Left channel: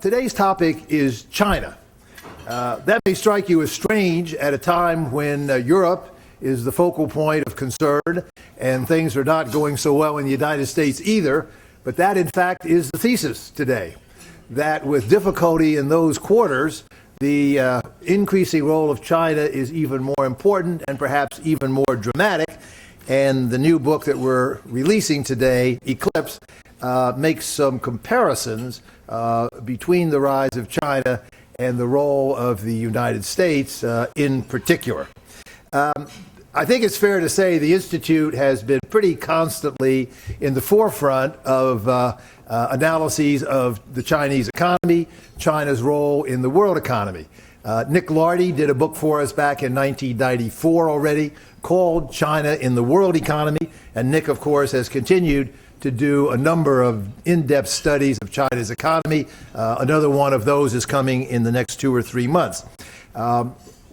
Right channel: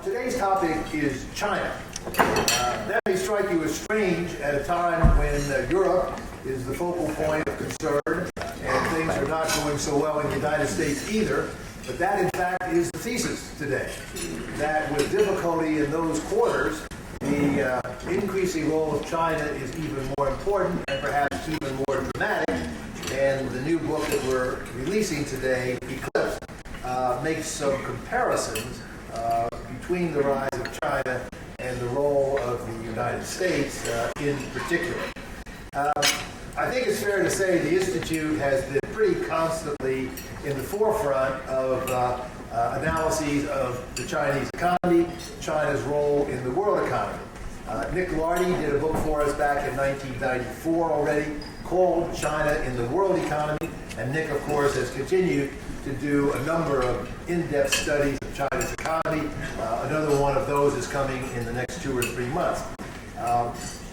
Today's topic is China. That may strike you as strange at a time when Europe is the focal point of concern and things are not going so well in the United States either, but that in fact is the thesis today, that with difficulty in those quarters, the increasing role of China is even more important and perhaps even more dramatic, and the new book that we're releasing today, Eclipse, makes some comparisons between the rise of China and the role of the United States in particular. I think it's fair to say the Institute has been pretty constantly in the forefront of analyses of the Chinese economy, China's role in the world economy. Nick Lardy did a book for us back in 1994 already called China in the World Economy, and Nick, of course, has continued to do a number of in-depth studies of China's economy. Another one of those is coming in the next 2 or 3 months.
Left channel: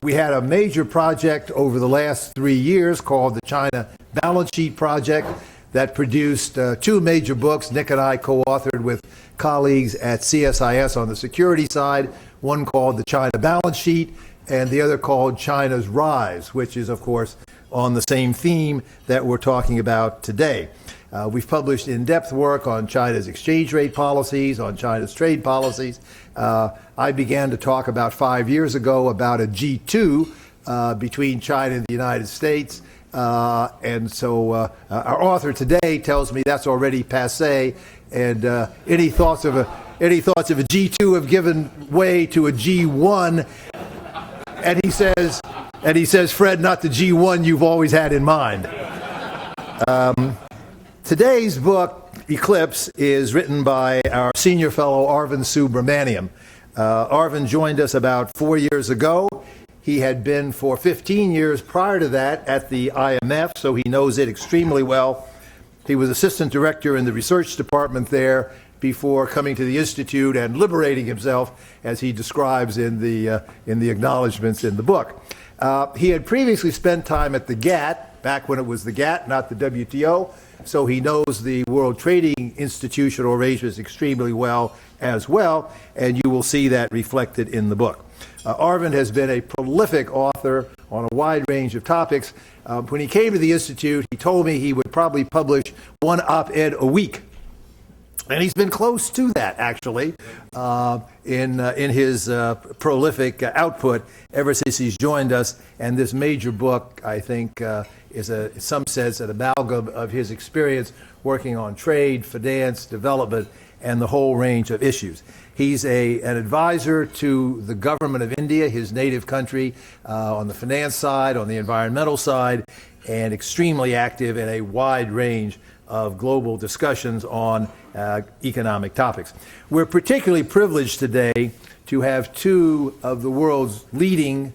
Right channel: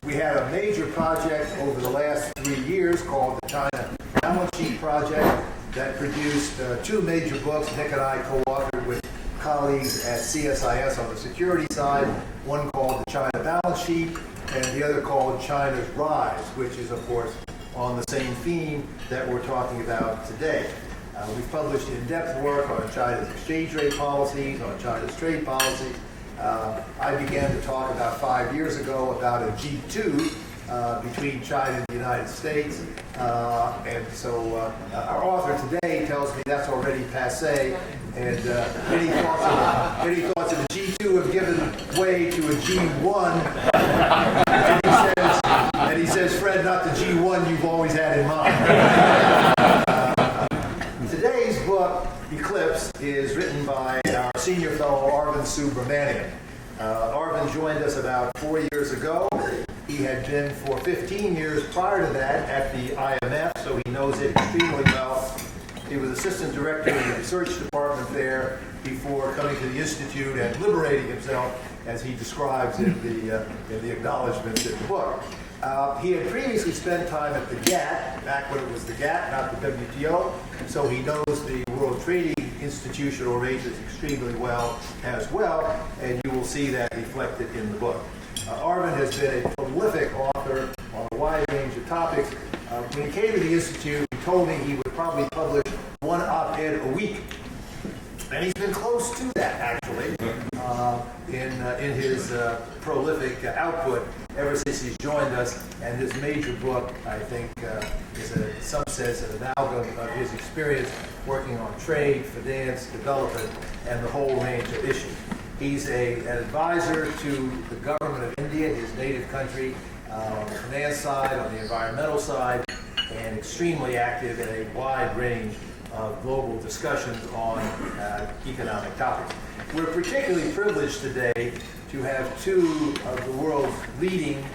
We had a major project over the last 3 years called the China Balance Sheet Project that produced 2 major books Nick and I co-authored with colleagues at CSIS on the security side, one called the China Balance Sheet and the other called China's Rise, which is, of course, on the same theme that we're talking about today. We've published in-depth work on China's exchange rate policies, on China's trade policies. I began to talk about 5 years ago about a G2 between China and the United States. And so our author today tells me that's already passé, and any thoughts of a G2 have given way to a G1. And he says, Fred, not the G1 you've always had in mind. Today's book, Eclipse, is written by our senior fellow, Arvind Subramanian. Arvind joined us about 4 years ago. He had been for 15 years prior to that at the IMF, so he knows it extremely well. He was assistant director in the research department there before coming to the Institute and liberating himself, as he describes in the acknowledgments in the book. He had previously spent time at the GATT, back when it was the GATT, not the WTO, so he knows the World Trading institutional arrangements extremely well as well, and you will see that reflected in the book. Arvind has been a prolific author on a wide range of topics. When he came to the Institute, he told me he would probably publish 1 op-ed a week. And he's been close to that, actually, in his prolific output ever since he's joined us. And this major book, I think, is in some sense an amalgam of his experience working on trade, finance, development, and the whole range of issues. He's an advisor to the government of India, his native country, on the finance side, on the environmental side, and extremely active in a wide range of global discussions on economic topics. We're particularly privileged today to have 2 of the world's leading,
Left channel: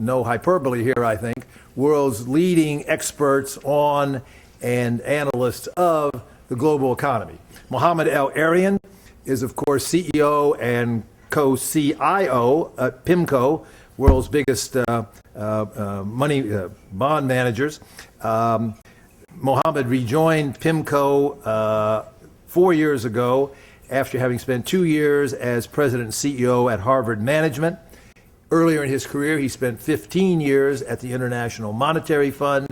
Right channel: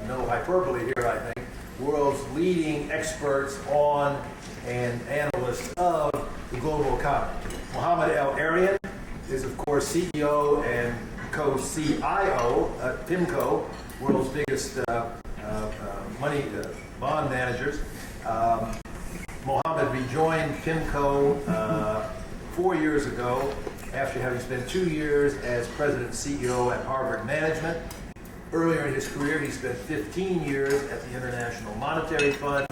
no hyperbole here I think, world's leading experts on and analysts of the global economy. Mohammed El-Arian is of course CEO and co-CIO at PIMCO, world's biggest bond managers. Mohammed rejoined PIMCO 4 years ago after having spent 2 years as president and CEO at Harvard Management. Earlier in his career, he spent 15 years at the International Monetary Fund.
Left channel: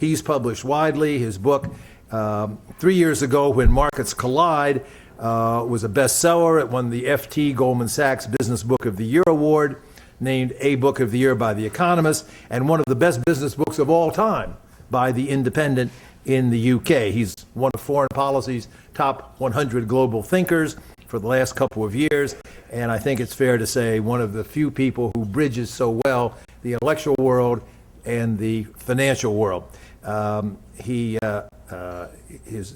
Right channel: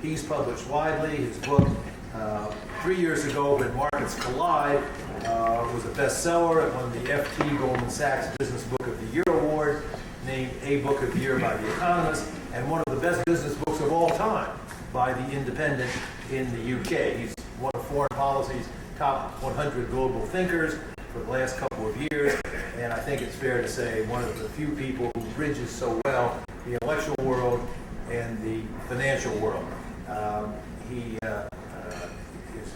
He's published widely. His book, 3 years ago, When Markets Collide, was a bestseller. It won the FT Goldman Sachs Business Book of the Year Award, named a Book of the Year by The Economist, and one of the best business books of all time by The Independent in the UK. He's one of Foreign Policy's top 100 global thinkers for the last couple of years, and I think it's fair to say one of the few people who bridges so well the intellectual world and the financial world.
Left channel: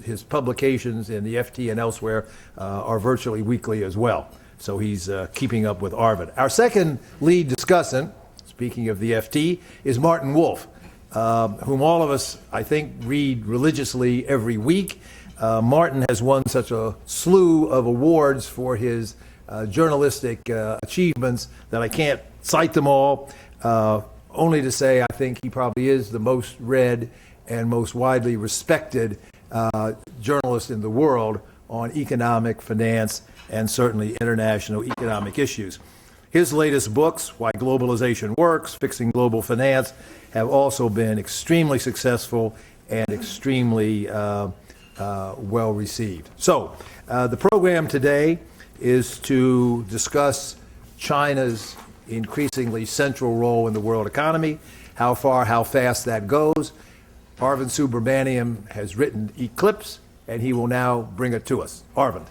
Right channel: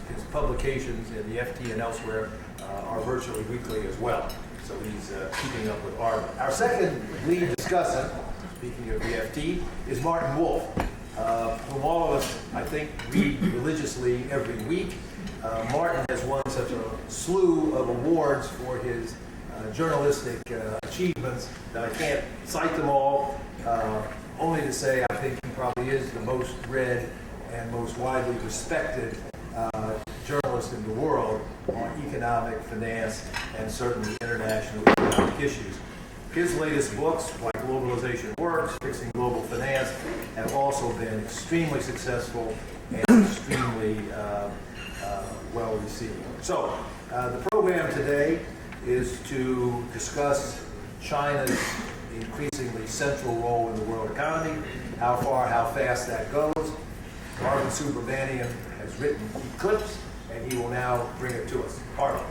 His publications in the FT and elsewhere are virtually weekly as well, so he's keeping up with Arvind. Our second lead discussant, speaking of the FT, is Martin Wolf, whom all of us, I think, read religiously every week. Martin has won such a slew of awards for his journalistic achievements that I can't cite them all, only to say I think he probably is the most read and most widely respected journalist in the world on economic, finance, and certainly international economic issues. His latest books, Why Globalization Works, Fixing Global Finance, have also been extremely successful and extremely well received. So, the program today is to discuss China's increasingly central role in the world economy, how far, how fast that goes. Arvind Subramanian has written Eclipse, and he will now bring it to us. Arvind.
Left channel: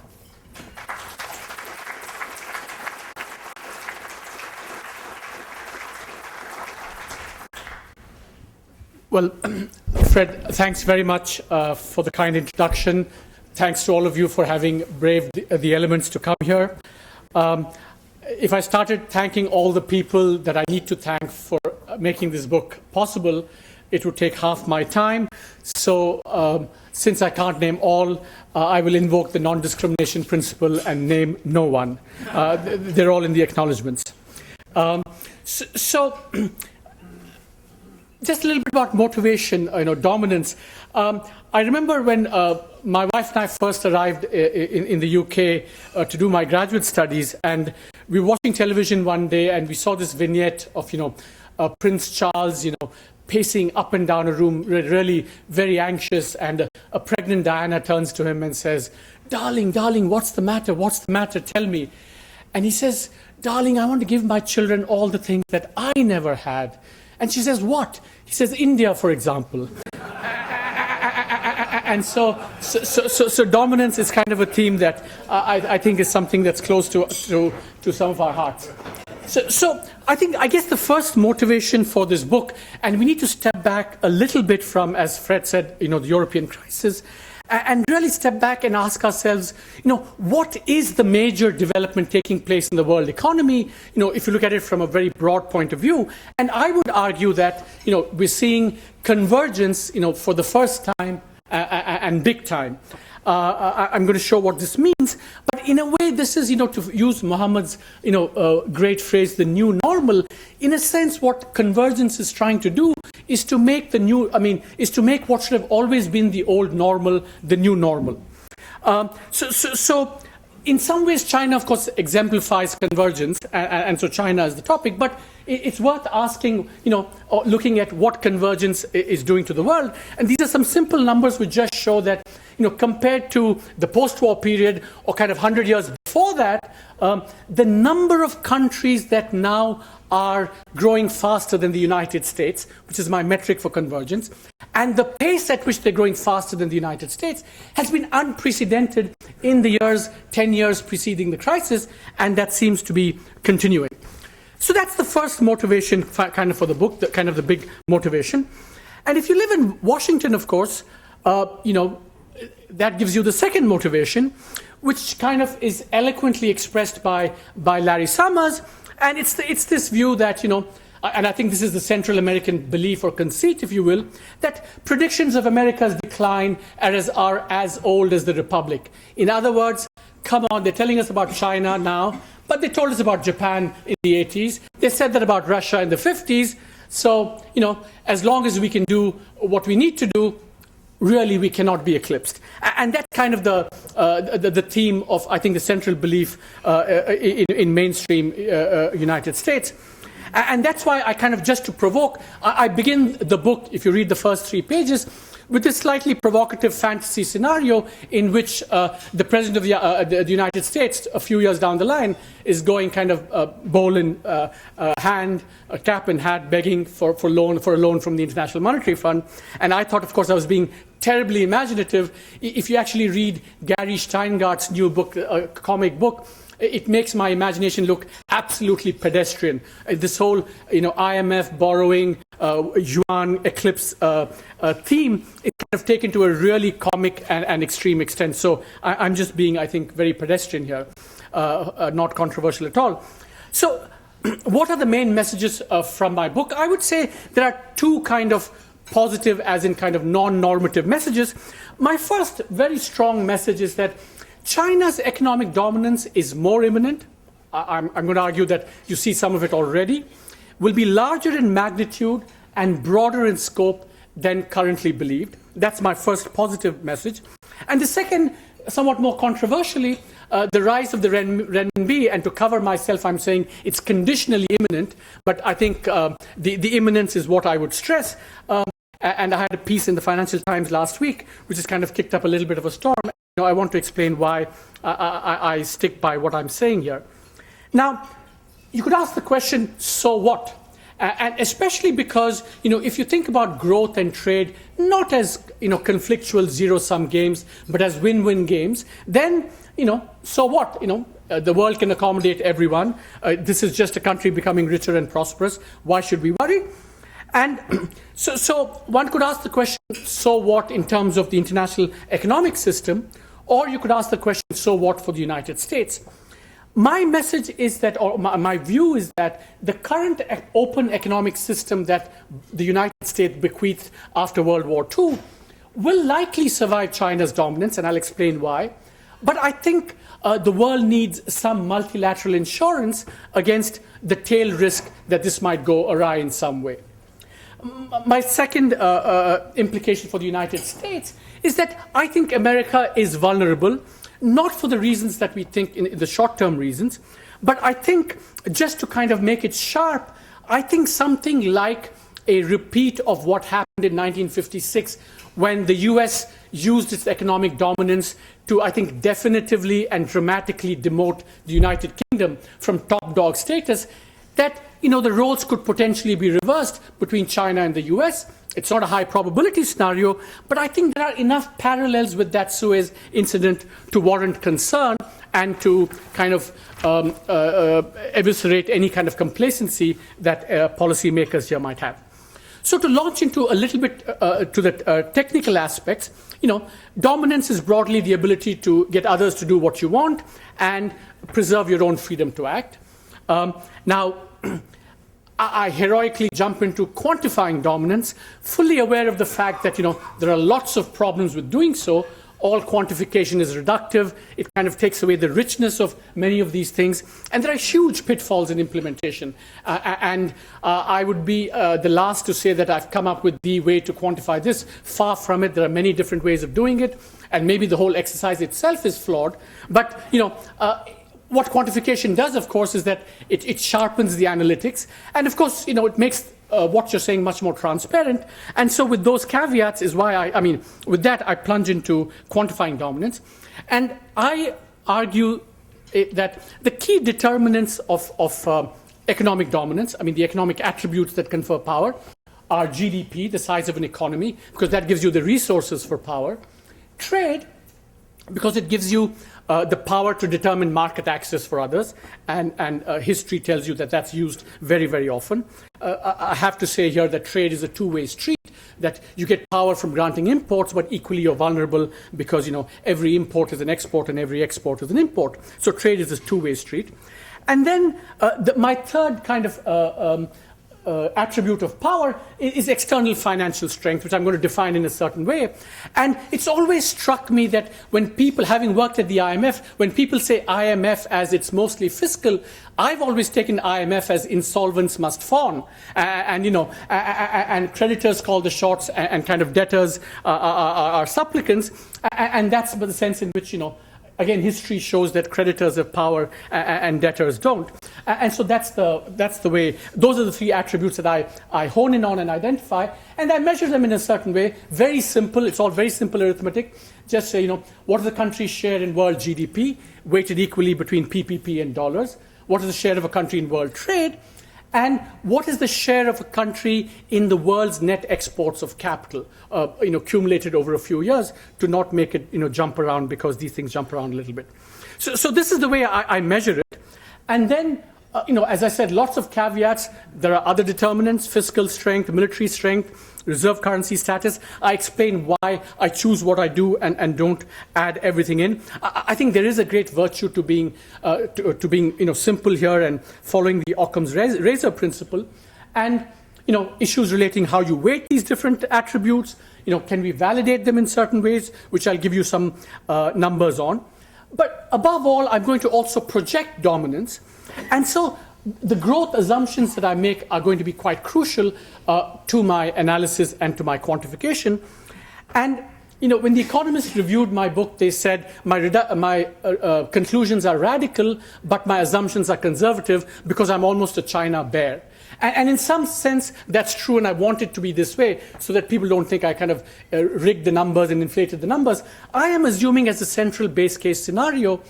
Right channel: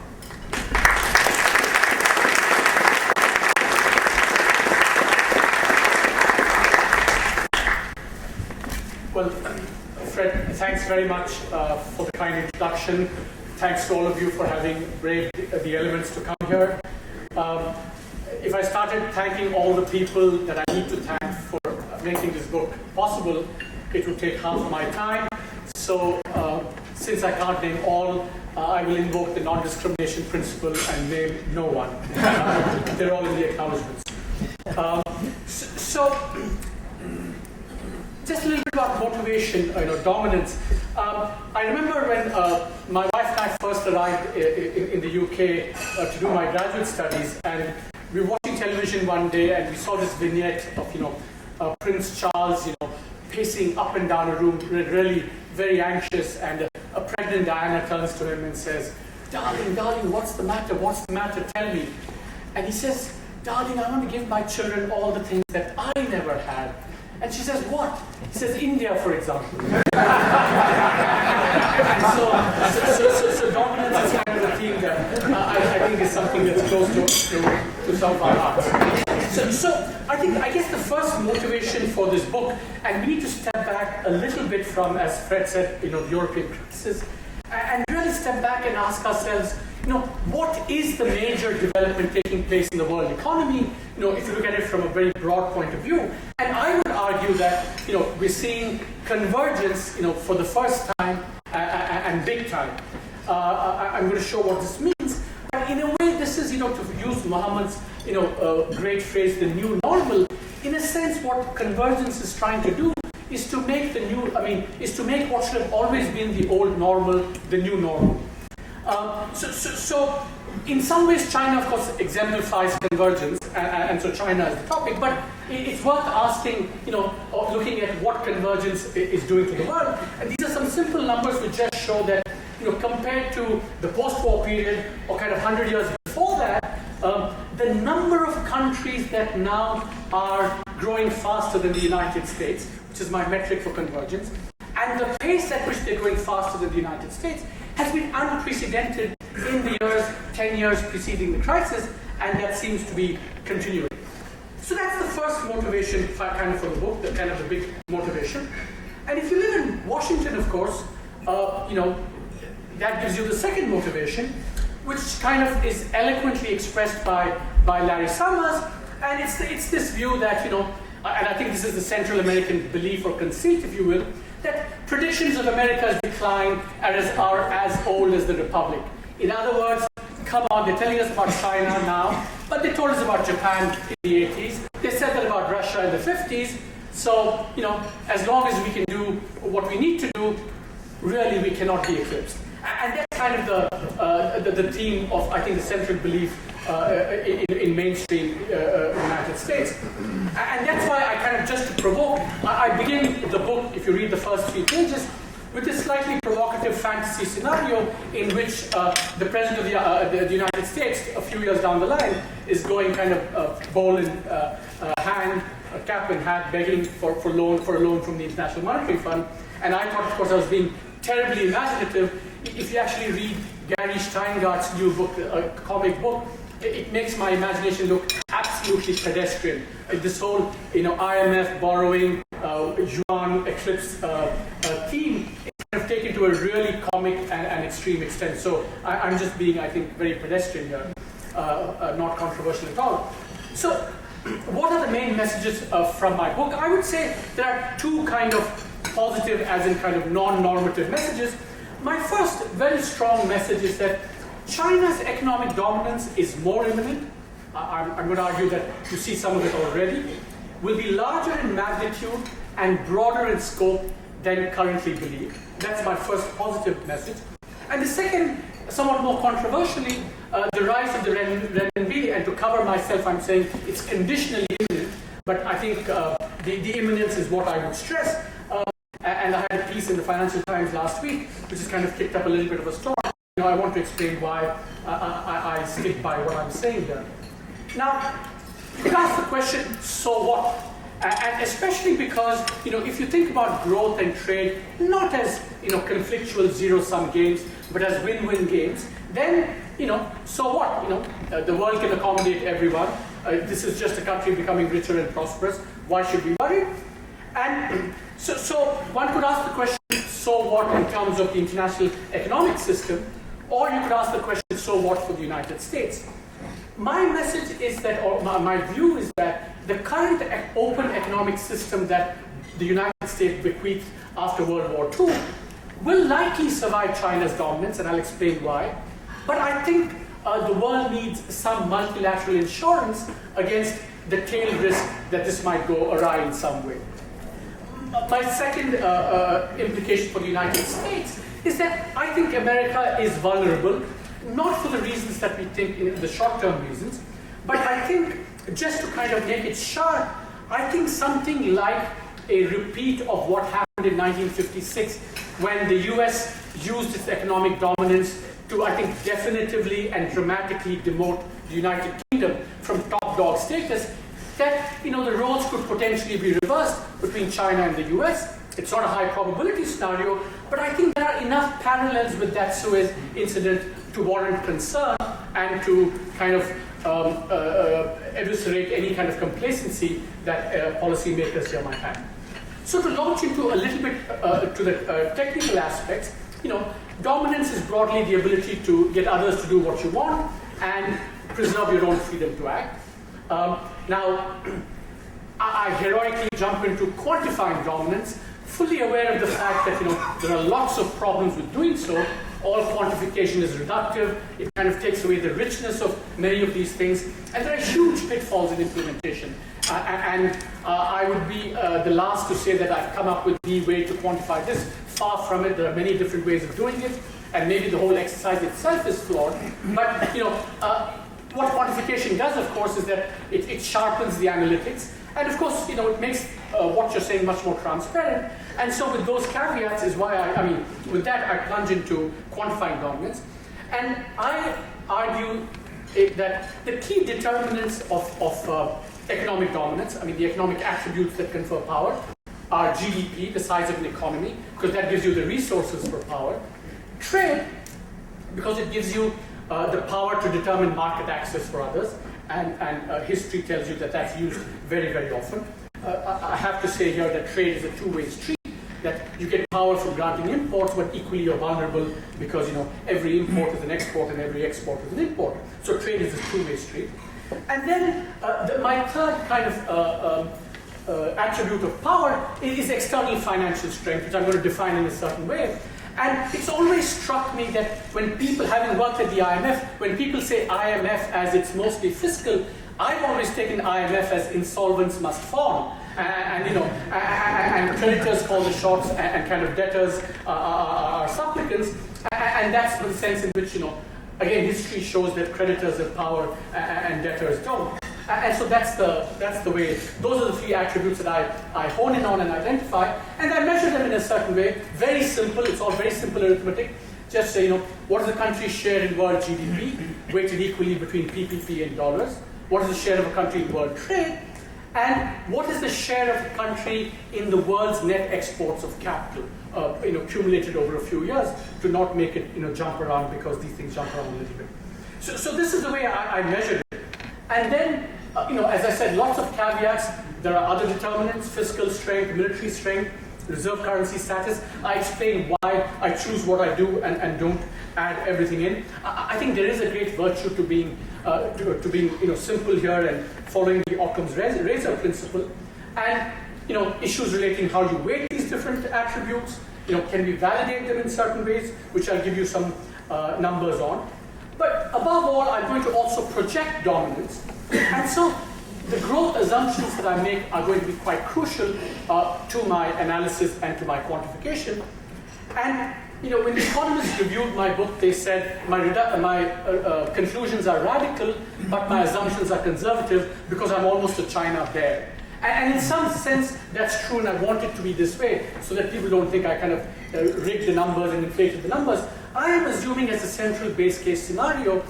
Well, Fred, thanks very much for the kind introduction. Thanks to all of you for having braved the elements to come here. If I started thanking all the people that I need to thank for making this book possible, it would take half my time. So since I can't name all, I will invoke the non-discrimination principle and name no one. They're all in the acknowledgements. So just a little bit about motivation, dominance. I remember when my wife and I first arrived in the UK to do my graduate studies, and we were watching television one day, and we saw this vignette of Prince Charles, pacing up and down a room, really very anxious, and a pregnant Diana turns to him and says, "Darling, darling, what's the matter? What's the matter? Tell me." And he says, "Darling, I want to give my children all the things that I never had." And she says, "What?" He says, "India, for example." And so dominance is kind of a theme that I think is something that's close to some of our hearts. So I guess the first motivation for this book, and we need to step back a little bit from, as Fred said, the European crisis, and really step back and ask ourselves, what is the major development taking place in the world economy, if you look at it from a very broad point of view. And I would argue that, we're seeing convergence, for the first time and big time. I'm going to show what this means. But in a way, this is, to use Muhammad's, great phrase, the new normal. In a sense, what convergence is trying to do is to make is to make what should have always been the old normal, the new normal. So in some ways, China, of course, exemplifies convergence, and so China is the topic, but it's worth asking, or looking at what convergence is doing to the world. And these are some simple numbers which just show that, compared to the post-war period, or kind of 100 years before that, the number of countries that now are growing faster than the United States, which is my metric for convergence, and the pace at which they're growing faster than the United States has been unprecedented in the 10 years preceding the crisis, and that seems to be continuing. So that's the first motivation kind of for the book, the big motivation. And if you live in Washington, of course, that gives you the second motivation, which kind of is eloquently expressed by Larry Summers, and it's this view that, and I think this is the Central American belief or conceit, if you will, that predictions of America's decline are as old as the Republic. In other words, come on, they're telling us about China now, but they told us about Japan in the 80s. They said that about Russia in the 50s. So, as long as we can do what we need to do, really we cannot be eclipsed. And that's kind of the theme of, I think, the central belief in mainstream United States. And that's why I kind of, just to provoke, I begin the book, if you read the first 3 pages, with this slightly provocative fantasy scenario in which the President of the United States, a few years down the line, is going kind of bowl in hand, a cap in hat, begging for a loan from the International Monetary Fund. And I thought, of course, I was being terribly imaginative. If you actually read Gary Steingart's new book, comic book, it makes my imagination look absolutely pedestrian. This whole, IMF borrowing, yuan eclipse theme is kind of taken to a really comic and extreme extent. So I'm just being, I think, very pedestrian here, not controversial at all. So what are the main messages from my book? I would say there are 2 kind of positive, as in kind of non-normative messages. My first very strong message is that China's economic dominance is more imminent. I'm going to argue that you see some of it already, will be larger in magnitude and broader in scope than currently believed. That's my first positive message. And the second, somewhat more controversially, the rise of the renminbi, and to cover myself, I'm saying it's conditionally imminent, but I think the imminence is what I would stress. And I had a piece in the Financial Times last week, which has kind of kicked up a little bit of a storm. I want to explain why I stick by what I'm saying here. Now, you could ask the question, so what? And especially because, if you think about growth and trade, not as, conflictual zero-sum games, but as win-win games, then, so what? The world can accommodate everyone. This is just a country becoming richer and prosperous. Why should we worry? And so one could ask the question, so what in terms of the international economic system? Or you could ask the question, so what for the United States? My message is that, or my view is that the current open economic system that the United States bequeathed after World War II will likely survive China's dominance, and I'll explain why. But I think the world needs some multilateral insurance against the tail risk that this might go awry in some way. My second implication for the United States is that I think America is vulnerable, not for the reasons that we think, in the short-term reasons, but I think, just to kind of make it sharp, I think something like a repeat of what happened in 1956 when the US used its economic dominance to, I think, definitively and dramatically demote the United Kingdom from top dog status, that the roles could potentially be reversed between China and the US. It's not a high probability scenario, but I think there are enough parallels with that Suez incident to warrant concern and to kind of eviscerate any kind of complacency that policymakers here might have. So to launch into a little bit to the technical aspects, dominance is broadly the ability to get others to do what you want and preserve your own freedom to act. Now, I heroically jump into quantifying dominance, fully aware of the fact that there are lots of problems with doing so. All quantification is reductive. It kind of takes away the richness of many of these things, and there are huge pitfalls in implementation. I would be the last to say that I've come up with the way to quantify this. Far from it. There are many different ways of doing it, and maybe the whole exercise itself is flawed. But what quantification does, of course, is that it sharpens the analytics, and of course, it makes what you're saying much more transparent. And so, with those caveats, is why with that, I plunge into quantifying dominance, and I argue that the key determinants of economic dominance, the economic attributes that confer power, are GDP, the size of an economy, because that gives you the resources for power; trade, because it gives you the power to determine market access for others, and history tells you that that's used very, very often. I have to say here that trade is a two-way street, that you get power from granting imports, but equally you're vulnerable because every import is an export and every export is an import. So trade is a two-way street. And then my third kind of attribute of power is external financial strength, which I'm going to define in a certain way. And it's always struck me that when people, having worked at the IMF, when people say IMF as it's mostly fiscal, I've always taken IMF as insolvents must fawn. And creditors call the shots, and kind of debtors are supplicants. And that's the sense in which, again, history shows that creditors have power and debtors don't. And so that's the way. Those are the three attributes that I hone in on and identify, and I measure them in a certain way. Very simple. It's all very simple arithmetic. Just say, what is the country's share in world GDP, weighted equally between PPP and dollars? What is the share of a country in world trade? And what is the share of a country in the world's net exports of capital, accumulated over a few years, to not make it, jump around, because these things jump around a little bit. So this is the way I measure it. And then, as I said, lots of caveats. There are other determinants: fiscal strength, military strength, reserve currency status. I explain why I choose what I do and don't add everything in. I think there is a great virtue to being simple here and following the Occam's razor principle, and issues relating how you weight these different attributes. Can we validate them in certain ways, which I'll give you some numbers on. But above all, I'm going to also project dominance, and so the growth assumptions that I make are going to be quite crucial to my analysis and to my quantification. And when the economists reviewed my book, they said my conclusions are radical, but my assumptions are conservative because I'm almost a China bear. And in some sense, that's true, and I want it to be this way so that people don't think I kind of rigged the numbers and inflated the numbers. I am assuming as a central base case scenario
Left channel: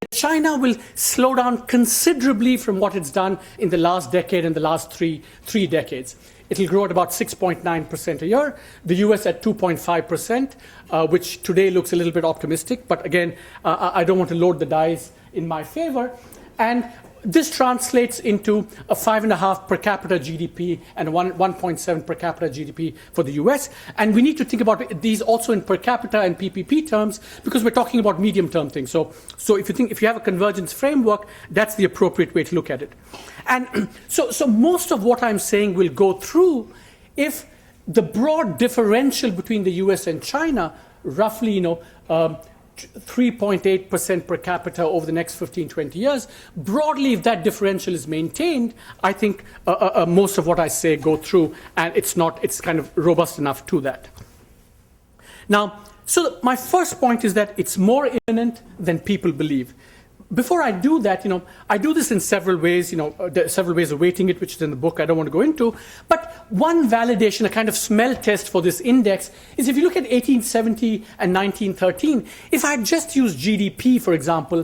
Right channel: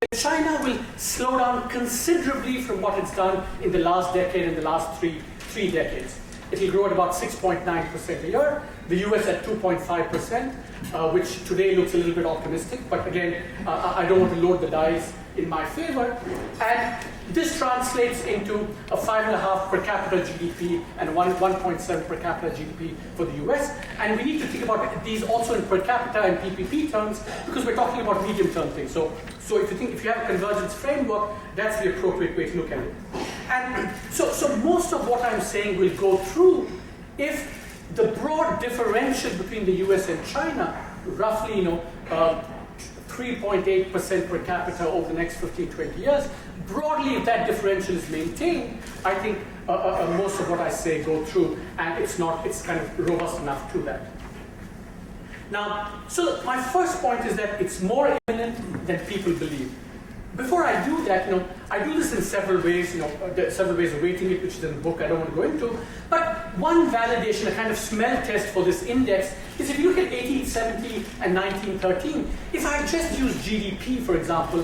that China will slow down considerably from what it's done in the last decade and the last three decades. It will grow at about 6.9% a year. The US at 2.5%, which today looks a little bit optimistic. But again, I don't want to load the dice in my favor. And this translates into a 5.5 per capita GDP and 1.7 per capita GDP for the US. And we need to think about these also in per capita and PPP terms because we're talking about medium-term things. So if you have a convergence framework, that's the appropriate way to look at it. And so most of what I'm saying will go through if the broad differential between the US and China, roughly 3.8% per capita over the next 15, 20 years, broadly if that differential is maintained, I think most of what I say go through, and it's kind of robust enough to that. Now, so my first point is that it's more imminent than people believe. Before I do that, I do this in several ways. There are several ways of weighting it, which is in the book I don't want to go into. But one validation, a kind of smell test for this index, is if you look at 1870 and 1913, if I had just used GDP, for example,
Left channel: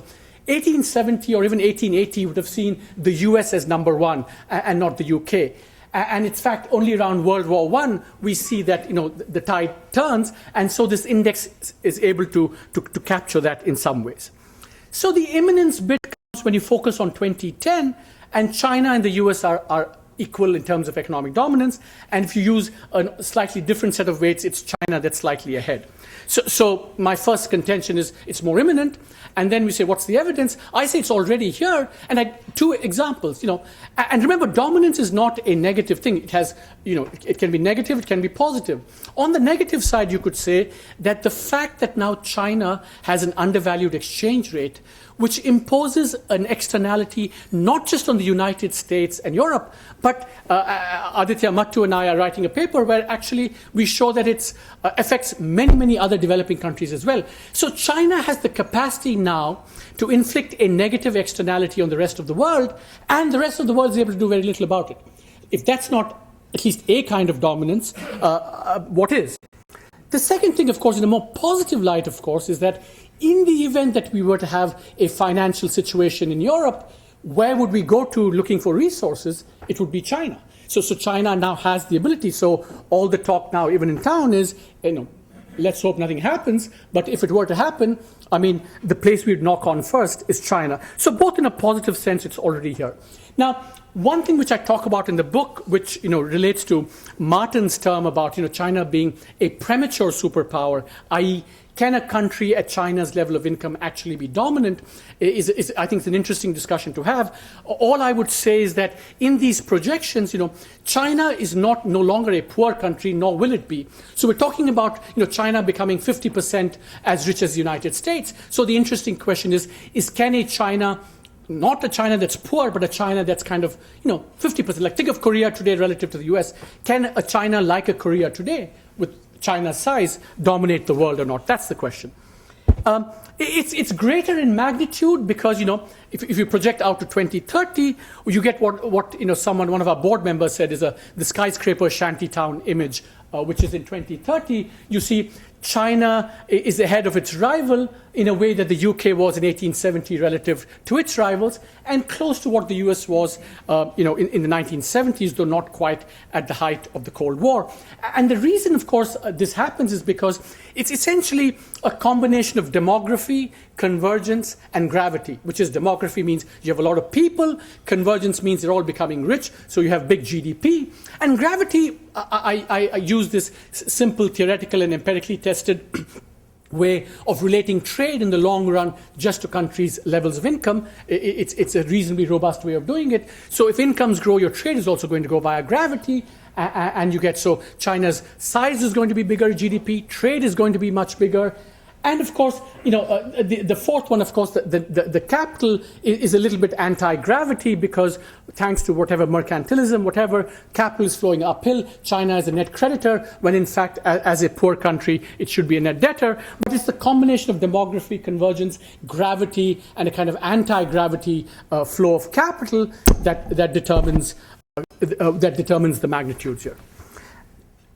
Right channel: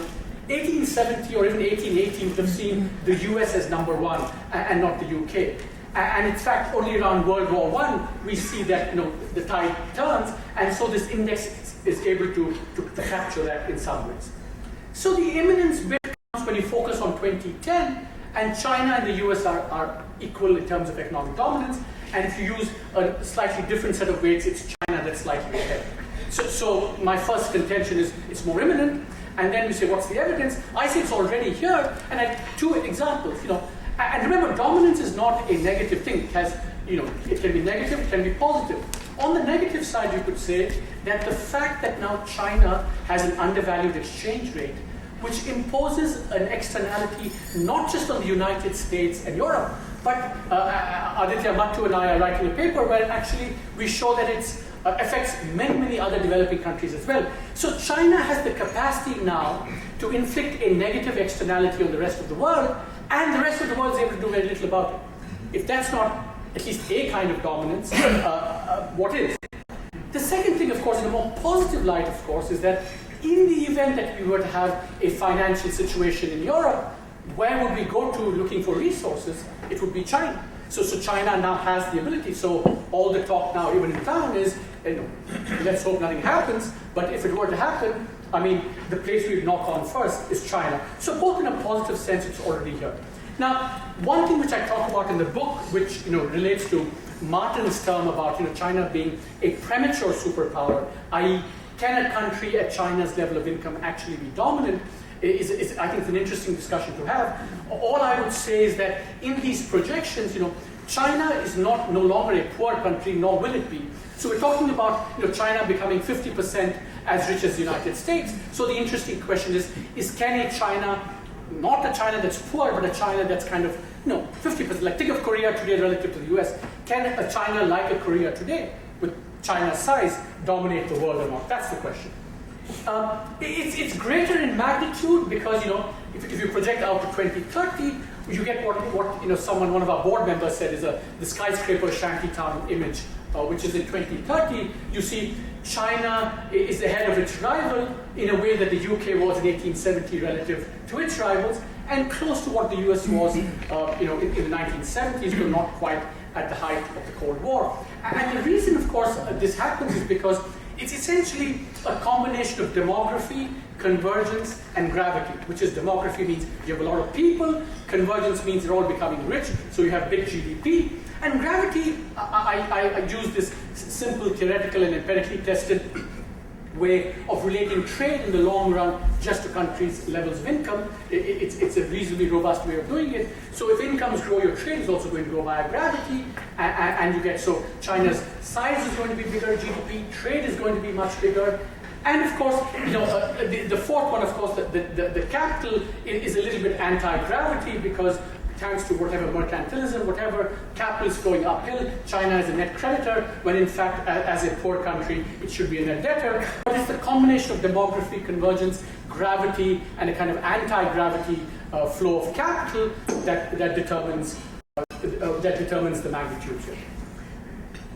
1870 or even 1880 would have seen the US as number one and not the UK. And in fact, only around World War I, we see that the tide turns, and so this index is able to capture that in some ways. So the imminence bit comes when you focus on 2010, and China and the US are equal in terms of economic dominance, and if you use a slightly different set of weights, it's China that's slightly ahead. So my first contention is it's more imminent, and then we say, what's the evidence? I say it's already here, and I had two examples, and remember, dominance is not a negative thing. It has, it can be negative, it can be positive. On the negative side, you could say that the fact that now China has an undervalued exchange rate, which imposes an externality not just on the United States and Europe, but Aditya Mattu and I are writing a paper where actually we show that it affects many, many other developing countries as well. So China has the capacity now to inflict a negative externality on the rest of the world, and the rest of the world is able to do very little about it. If that's not at least a kind of dominance, what is? The second thing, of course, in a more positive light, of course, is that in the event that we were to have a financial situation in Europe, where would we go to looking for resources? It would be China. So China now has the ability. So all the talk now, even in town, is, let's hope nothing happens. But if it were to happen, the place we'd knock on first is China. So both in a positive sense, it's already here. Now, one thing which I talk about in the book, which relates to Martin's term about China being a premature superpower, i.e., can a country at China's level of income actually be dominant, is I think it's an interesting discussion to have. All I would say is that in these projections, China is no longer a poor country, nor will it be. So we're talking about China becoming 50% as rich as the United States. So the interesting question is can a China, not a China that's poor, but a China that's kind of 50%, like think of Korea today relative to the US, can a China like a Korea today with China's size dominate the world or not? That's the question. It's greater in magnitude because if you project out to 2030, you get what one of our board members said is the skyscraper shantytown image, which is in 2030. You see China is ahead of its rival in a way that the UK was in 1870 relative to its rivals, and close to what the US was in the 1970s, though not quite at the height of the Cold War. And the reason, of course, this happens is because it's essentially a combination of demography, convergence, and gravity, which is demography means you have a lot of people, convergence means they're all becoming rich, so you have big GDP, and gravity, I use this simple theoretical and empirically tested way of relating trade in the long run just to countries' levels of income. It's a reasonably robust way of doing it. So if incomes grow, your trade is also going to go via gravity, and you get, so China's size is going to be bigger, GDP, trade is going to be much bigger. And of course, the fourth one, of course, the capital is a little bit anti-gravity because thanks to whatever mercantilism, whatever, capital is flowing uphill. China is a net creditor, when in fact, as a poor country, it should be a net debtor. But it's the combination of demography, convergence, gravity, and a kind of anti-gravity flow of capital that determines the magnitude here.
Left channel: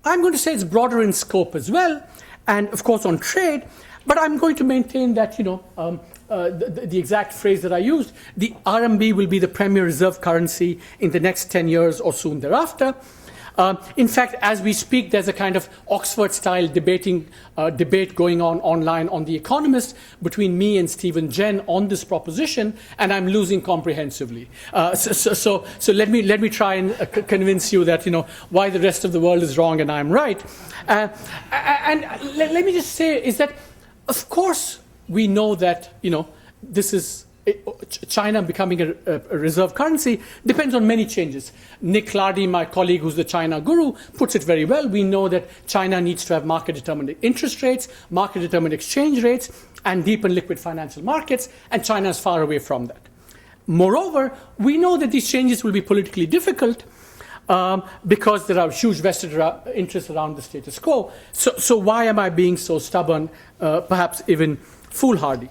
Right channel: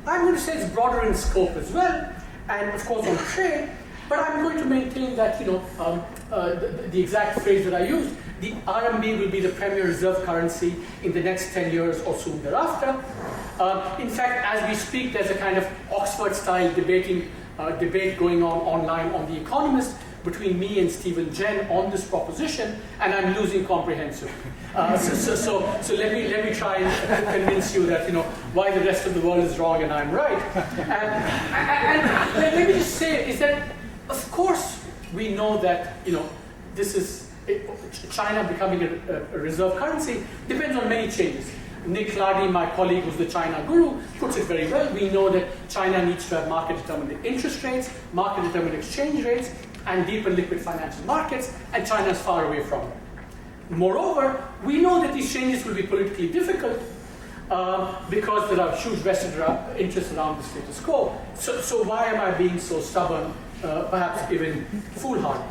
I'm going to say it's broader in scope as well, and of course on trade, but I'm going to maintain that, the exact phrase that I used, the RMB will be the premier reserve currency in the next 10 years or soon thereafter. In fact, as we speak, there's a kind of Oxford-style debate going on online on The Economist between me and Stephen Jen on this proposition, and I'm losing comprehensively. So let me try and convince you that why the rest of the world is wrong and I'm right. And let me just say is that, of course, we know that this is China becoming a reserve currency depends on many changes. Nick Lardy, my colleague who's the China guru, puts it very well. We know that China needs to have market-determined interest rates, market-determined exchange rates, and deep and liquid financial markets, and China is far away from that. Moreover, we know that these changes will be politically difficult because there are huge vested interests around the status quo. So why am I being so stubborn, perhaps even foolhardy?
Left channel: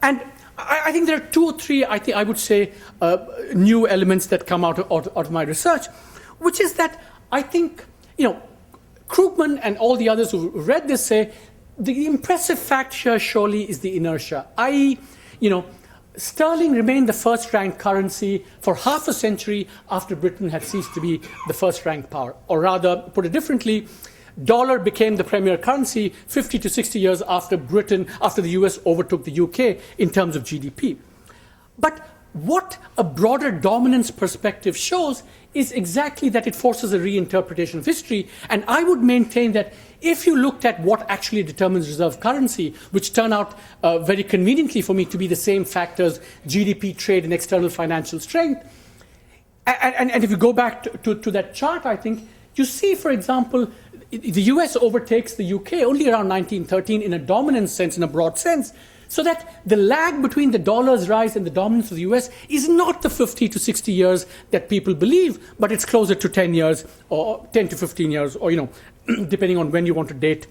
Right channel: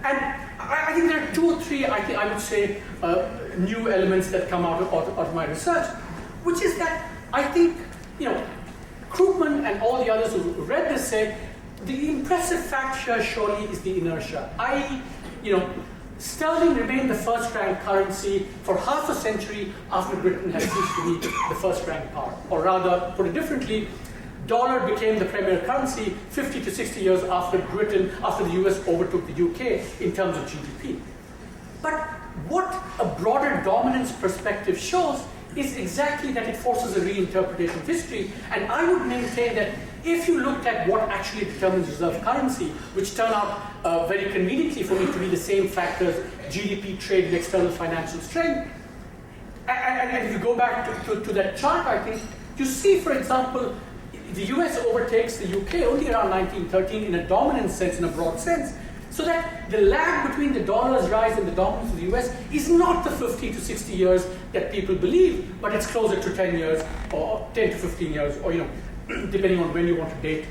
And I think there are two or three, I would say, new elements that come out of my research, which is that I think, Krugman and all the others who read this say the impressive fact here surely is the inertia, i.e., sterling remained the first-ranked currency for half a century after Britain had ceased to be the first-ranked power. Or rather, put it differently, dollar became the premier currency 50 to 60 years after the US overtook the UK in terms of GDP. But what a broader dominance perspective shows is exactly that it forces a reinterpretation of history. And I would maintain that if you looked at what actually determines reserve currency, which turn out very conveniently for me to be the same factors, GDP, trade, and external financial strength, and if you go back to that chart, I think, you see, for example, the US overtakes the UK only around 1913 in a dominant sense, in a broad sense, so that the lag between the dollar's rise and the dominance of the US is not the 50 to 60 years that people believe, but it's closer to 10 years or 10 to 15 years, or depending on when you want to date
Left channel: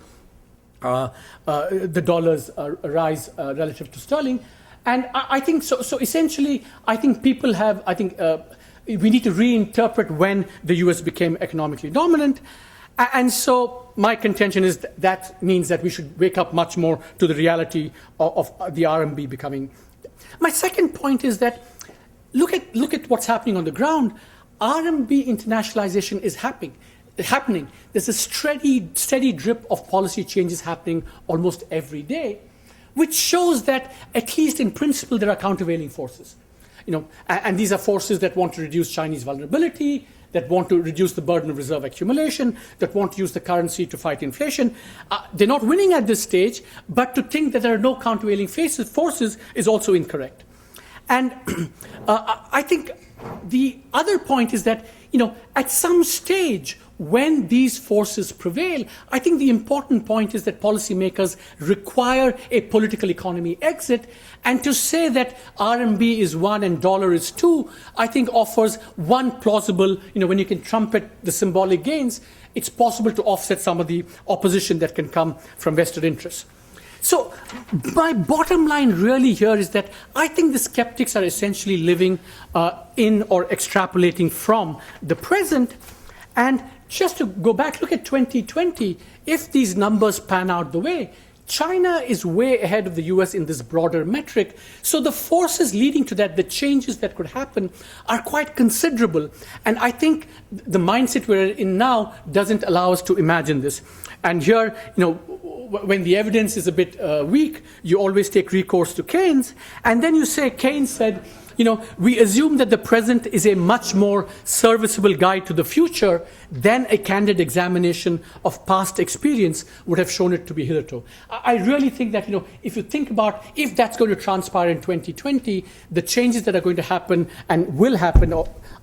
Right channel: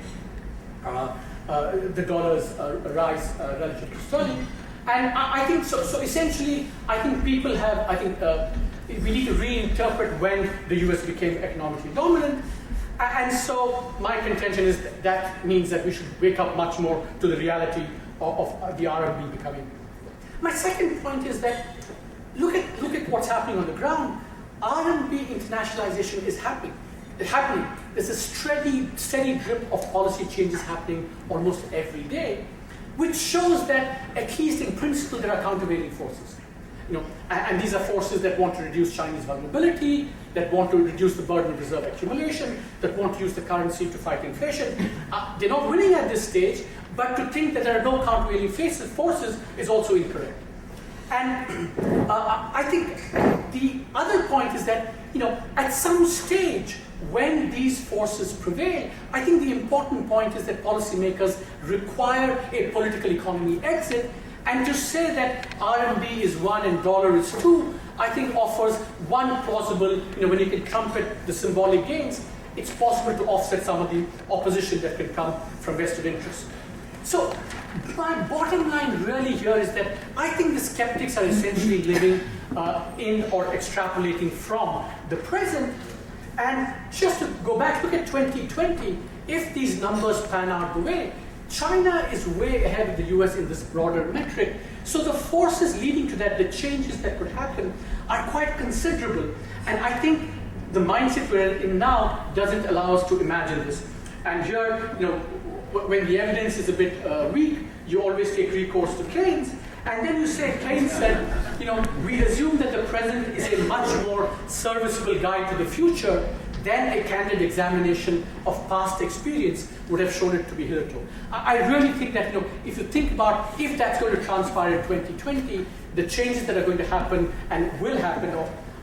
the dollar's rise relative to sterling. And I think so essentially, I think people have, we need to reinterpret when the US became economically dominant. And so my contention is that means that we should wake up much more to the reality of the RMB becoming. My second point is that look at what's happening on the ground. RMB internationalization is happening. There's a steady drip of policy changes happening almost every day, which shows that at least in principle there are countervailing forces. And these are forces that want to reduce Chinese vulnerability, that want to reduce the burden of reserve accumulation, that want to use the currency to fight inflation. They're not winning at this stage, but to think that there are no countervailing forces is also incorrect. And I think the other point is that, at some stage, when these forces prevail, I think the important point is that policymakers require a political economy exit. And to say that RMB is 1 and dollar is 2, I think offers one plausible, when you can trumpet the symbolic gains, it's possible to offset some of the opposition that can come from vested interests. So my bottom line really here is that I think the skeptics are essentially living in or extrapolating from the present. And just to go back, look at 2020, if these numbers pan out the way, China is way ahead of the US in this broader metric. So the forces leading to that, the changes that could happen, are quite considerable. And I think the mindset we're in now doesn't allow us to imagine this. And here, when the evidence is a bit weak, you always take recourse to Keynes. And then you say, Keynes said, we assume that the present is a much more serviceable guide to the future than a candid examination of past experience would have shown it to be hitherto. I really think that, if you think about if that's going to transpire in 2020, the changes that are going to happen and will happen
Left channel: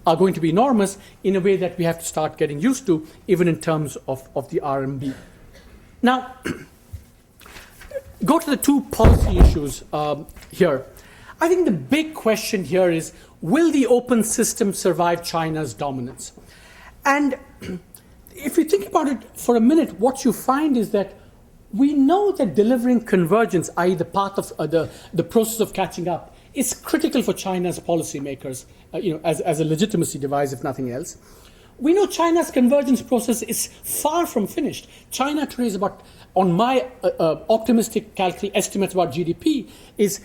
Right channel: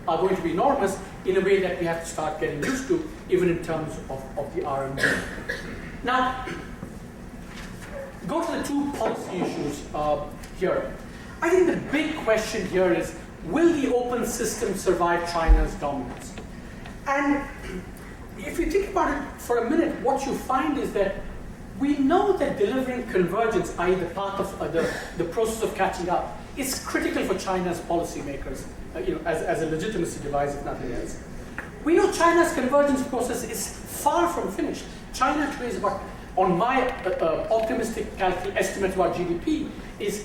are going to be enormous in a way that we have to start getting used to, even in terms of the RMB. Now, go to the two policy issues here. I think the big question here is, will the open system survive China's dominance? And if you think about it for a minute, what you find is that we know that delivering convergence, i.e. the path of the process of catching up, is critical for China's policymakers, as a legitimacy device, if nothing else. We know China's convergence process is far from finished. China today is about, on my optimistic estimates about GDP, is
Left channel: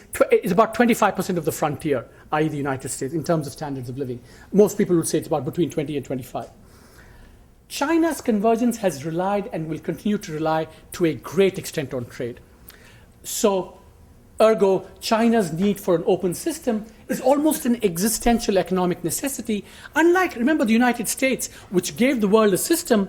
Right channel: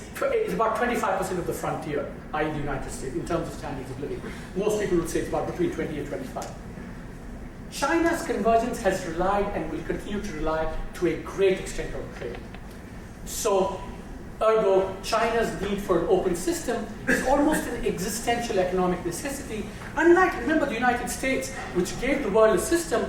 about 25% of the frontier, i.e. the United States, in terms of standards of living. Most people would say it's about between 20 and 25. China's convergence has relied and will continue to rely to a great extent on trade. So, ergo, China's need for an open system is almost an existential economic necessity. Unlike, remember, the United States, which gave the world a system,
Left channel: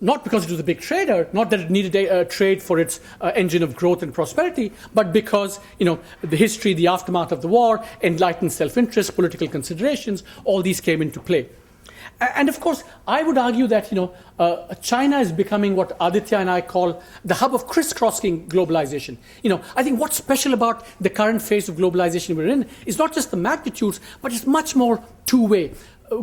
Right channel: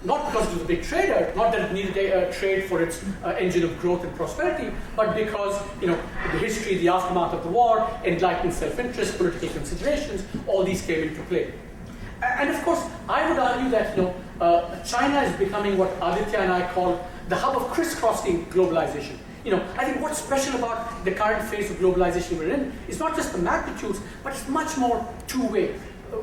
not because it was a big trader, not that it needed a trade for its engine of growth and prosperity, but because, the history, the aftermath of the war, enlightened self-interest, political considerations, all these came into play. And of course, I would argue that China is becoming what Aditya and I call the hub of crisscrossing globalization. I think what's special about the current phase of globalization we're in is not just the magnitudes, but it's much more two-way.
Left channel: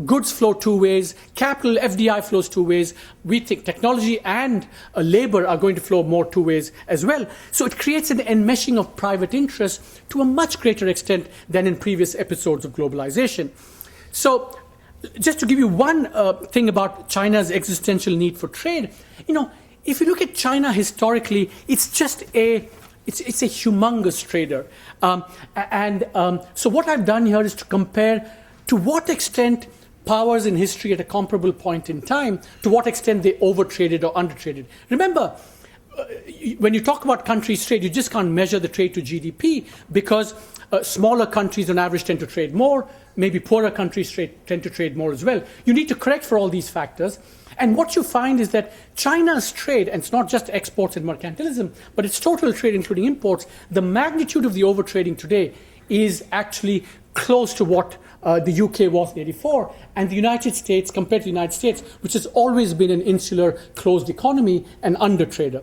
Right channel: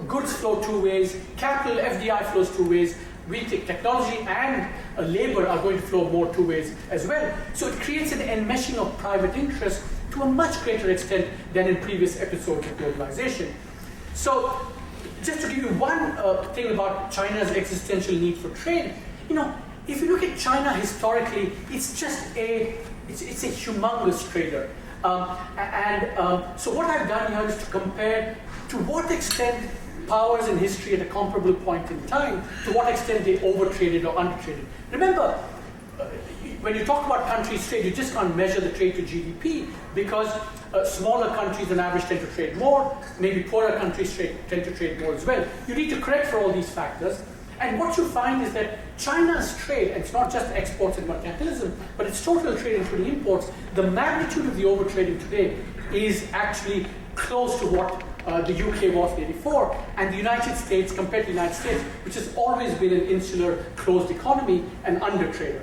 Goods flow two ways, capital, FDI flows two ways. We think technology and labor are going to flow more two ways as well. So it creates an enmeshing of private interests to a much greater extent than in previous episodes of globalization. So just to give you one thing about China's existential need for trade, if you look at China historically, it's just it's a humongous trader. So what I've done here is to compare to what extent powers in history at a comparable point in time, to what extent they overtraded or undertraded. Remember, when you talk about countries' trade, you just can't measure the trade to GDP because smaller countries on average tend to trade more, maybe poorer countries tend to trade more as well. You need to correct for all these factors. And what you find is that China's trade, and it's not just exports and mercantilism, but it's total trade including imports, the magnitude of the overtrading today is actually close to what the UK was in '84, and the United States, compared to the United States, which has always been an insular, closed economy, an undertrader.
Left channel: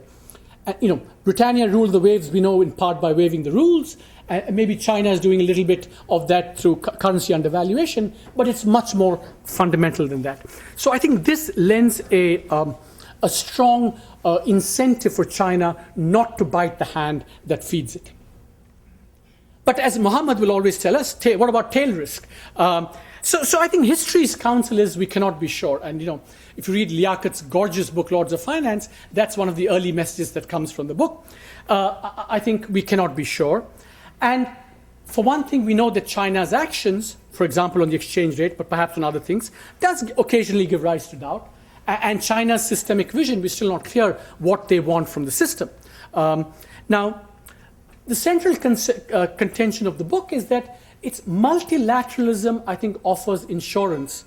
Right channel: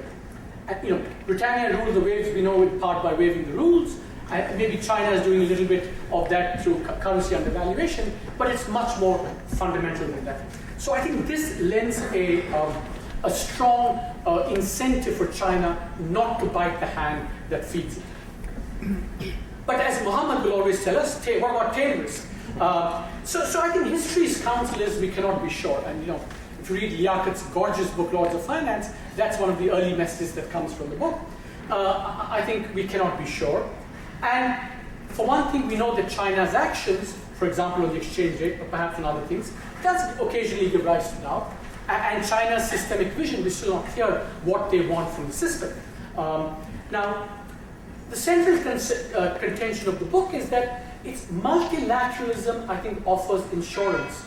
Britannia ruled the waves, we know, in part by waiving the rules. Maybe China is doing a little bit of that through currency undervaluation, but it's much more fundamental than that. So I think this lends a strong incentive for China not to bite the hand that feeds it. But as Muhammad will always tell us, what about tail risk? So I think history's counsel is we cannot be sure. And if you read Liakat's gorgeous book, Lords of Finance, that's one of the early messages that comes from the book. I think we cannot be sure. And for one thing, we know that China's actions, for example, on the exchange rate, but perhaps on other things, does occasionally give rise to doubt. And China's systemic vision, we're still not clear what they want from the system. Now, the central contention of the book is that its multilateralism, I think, offers insurance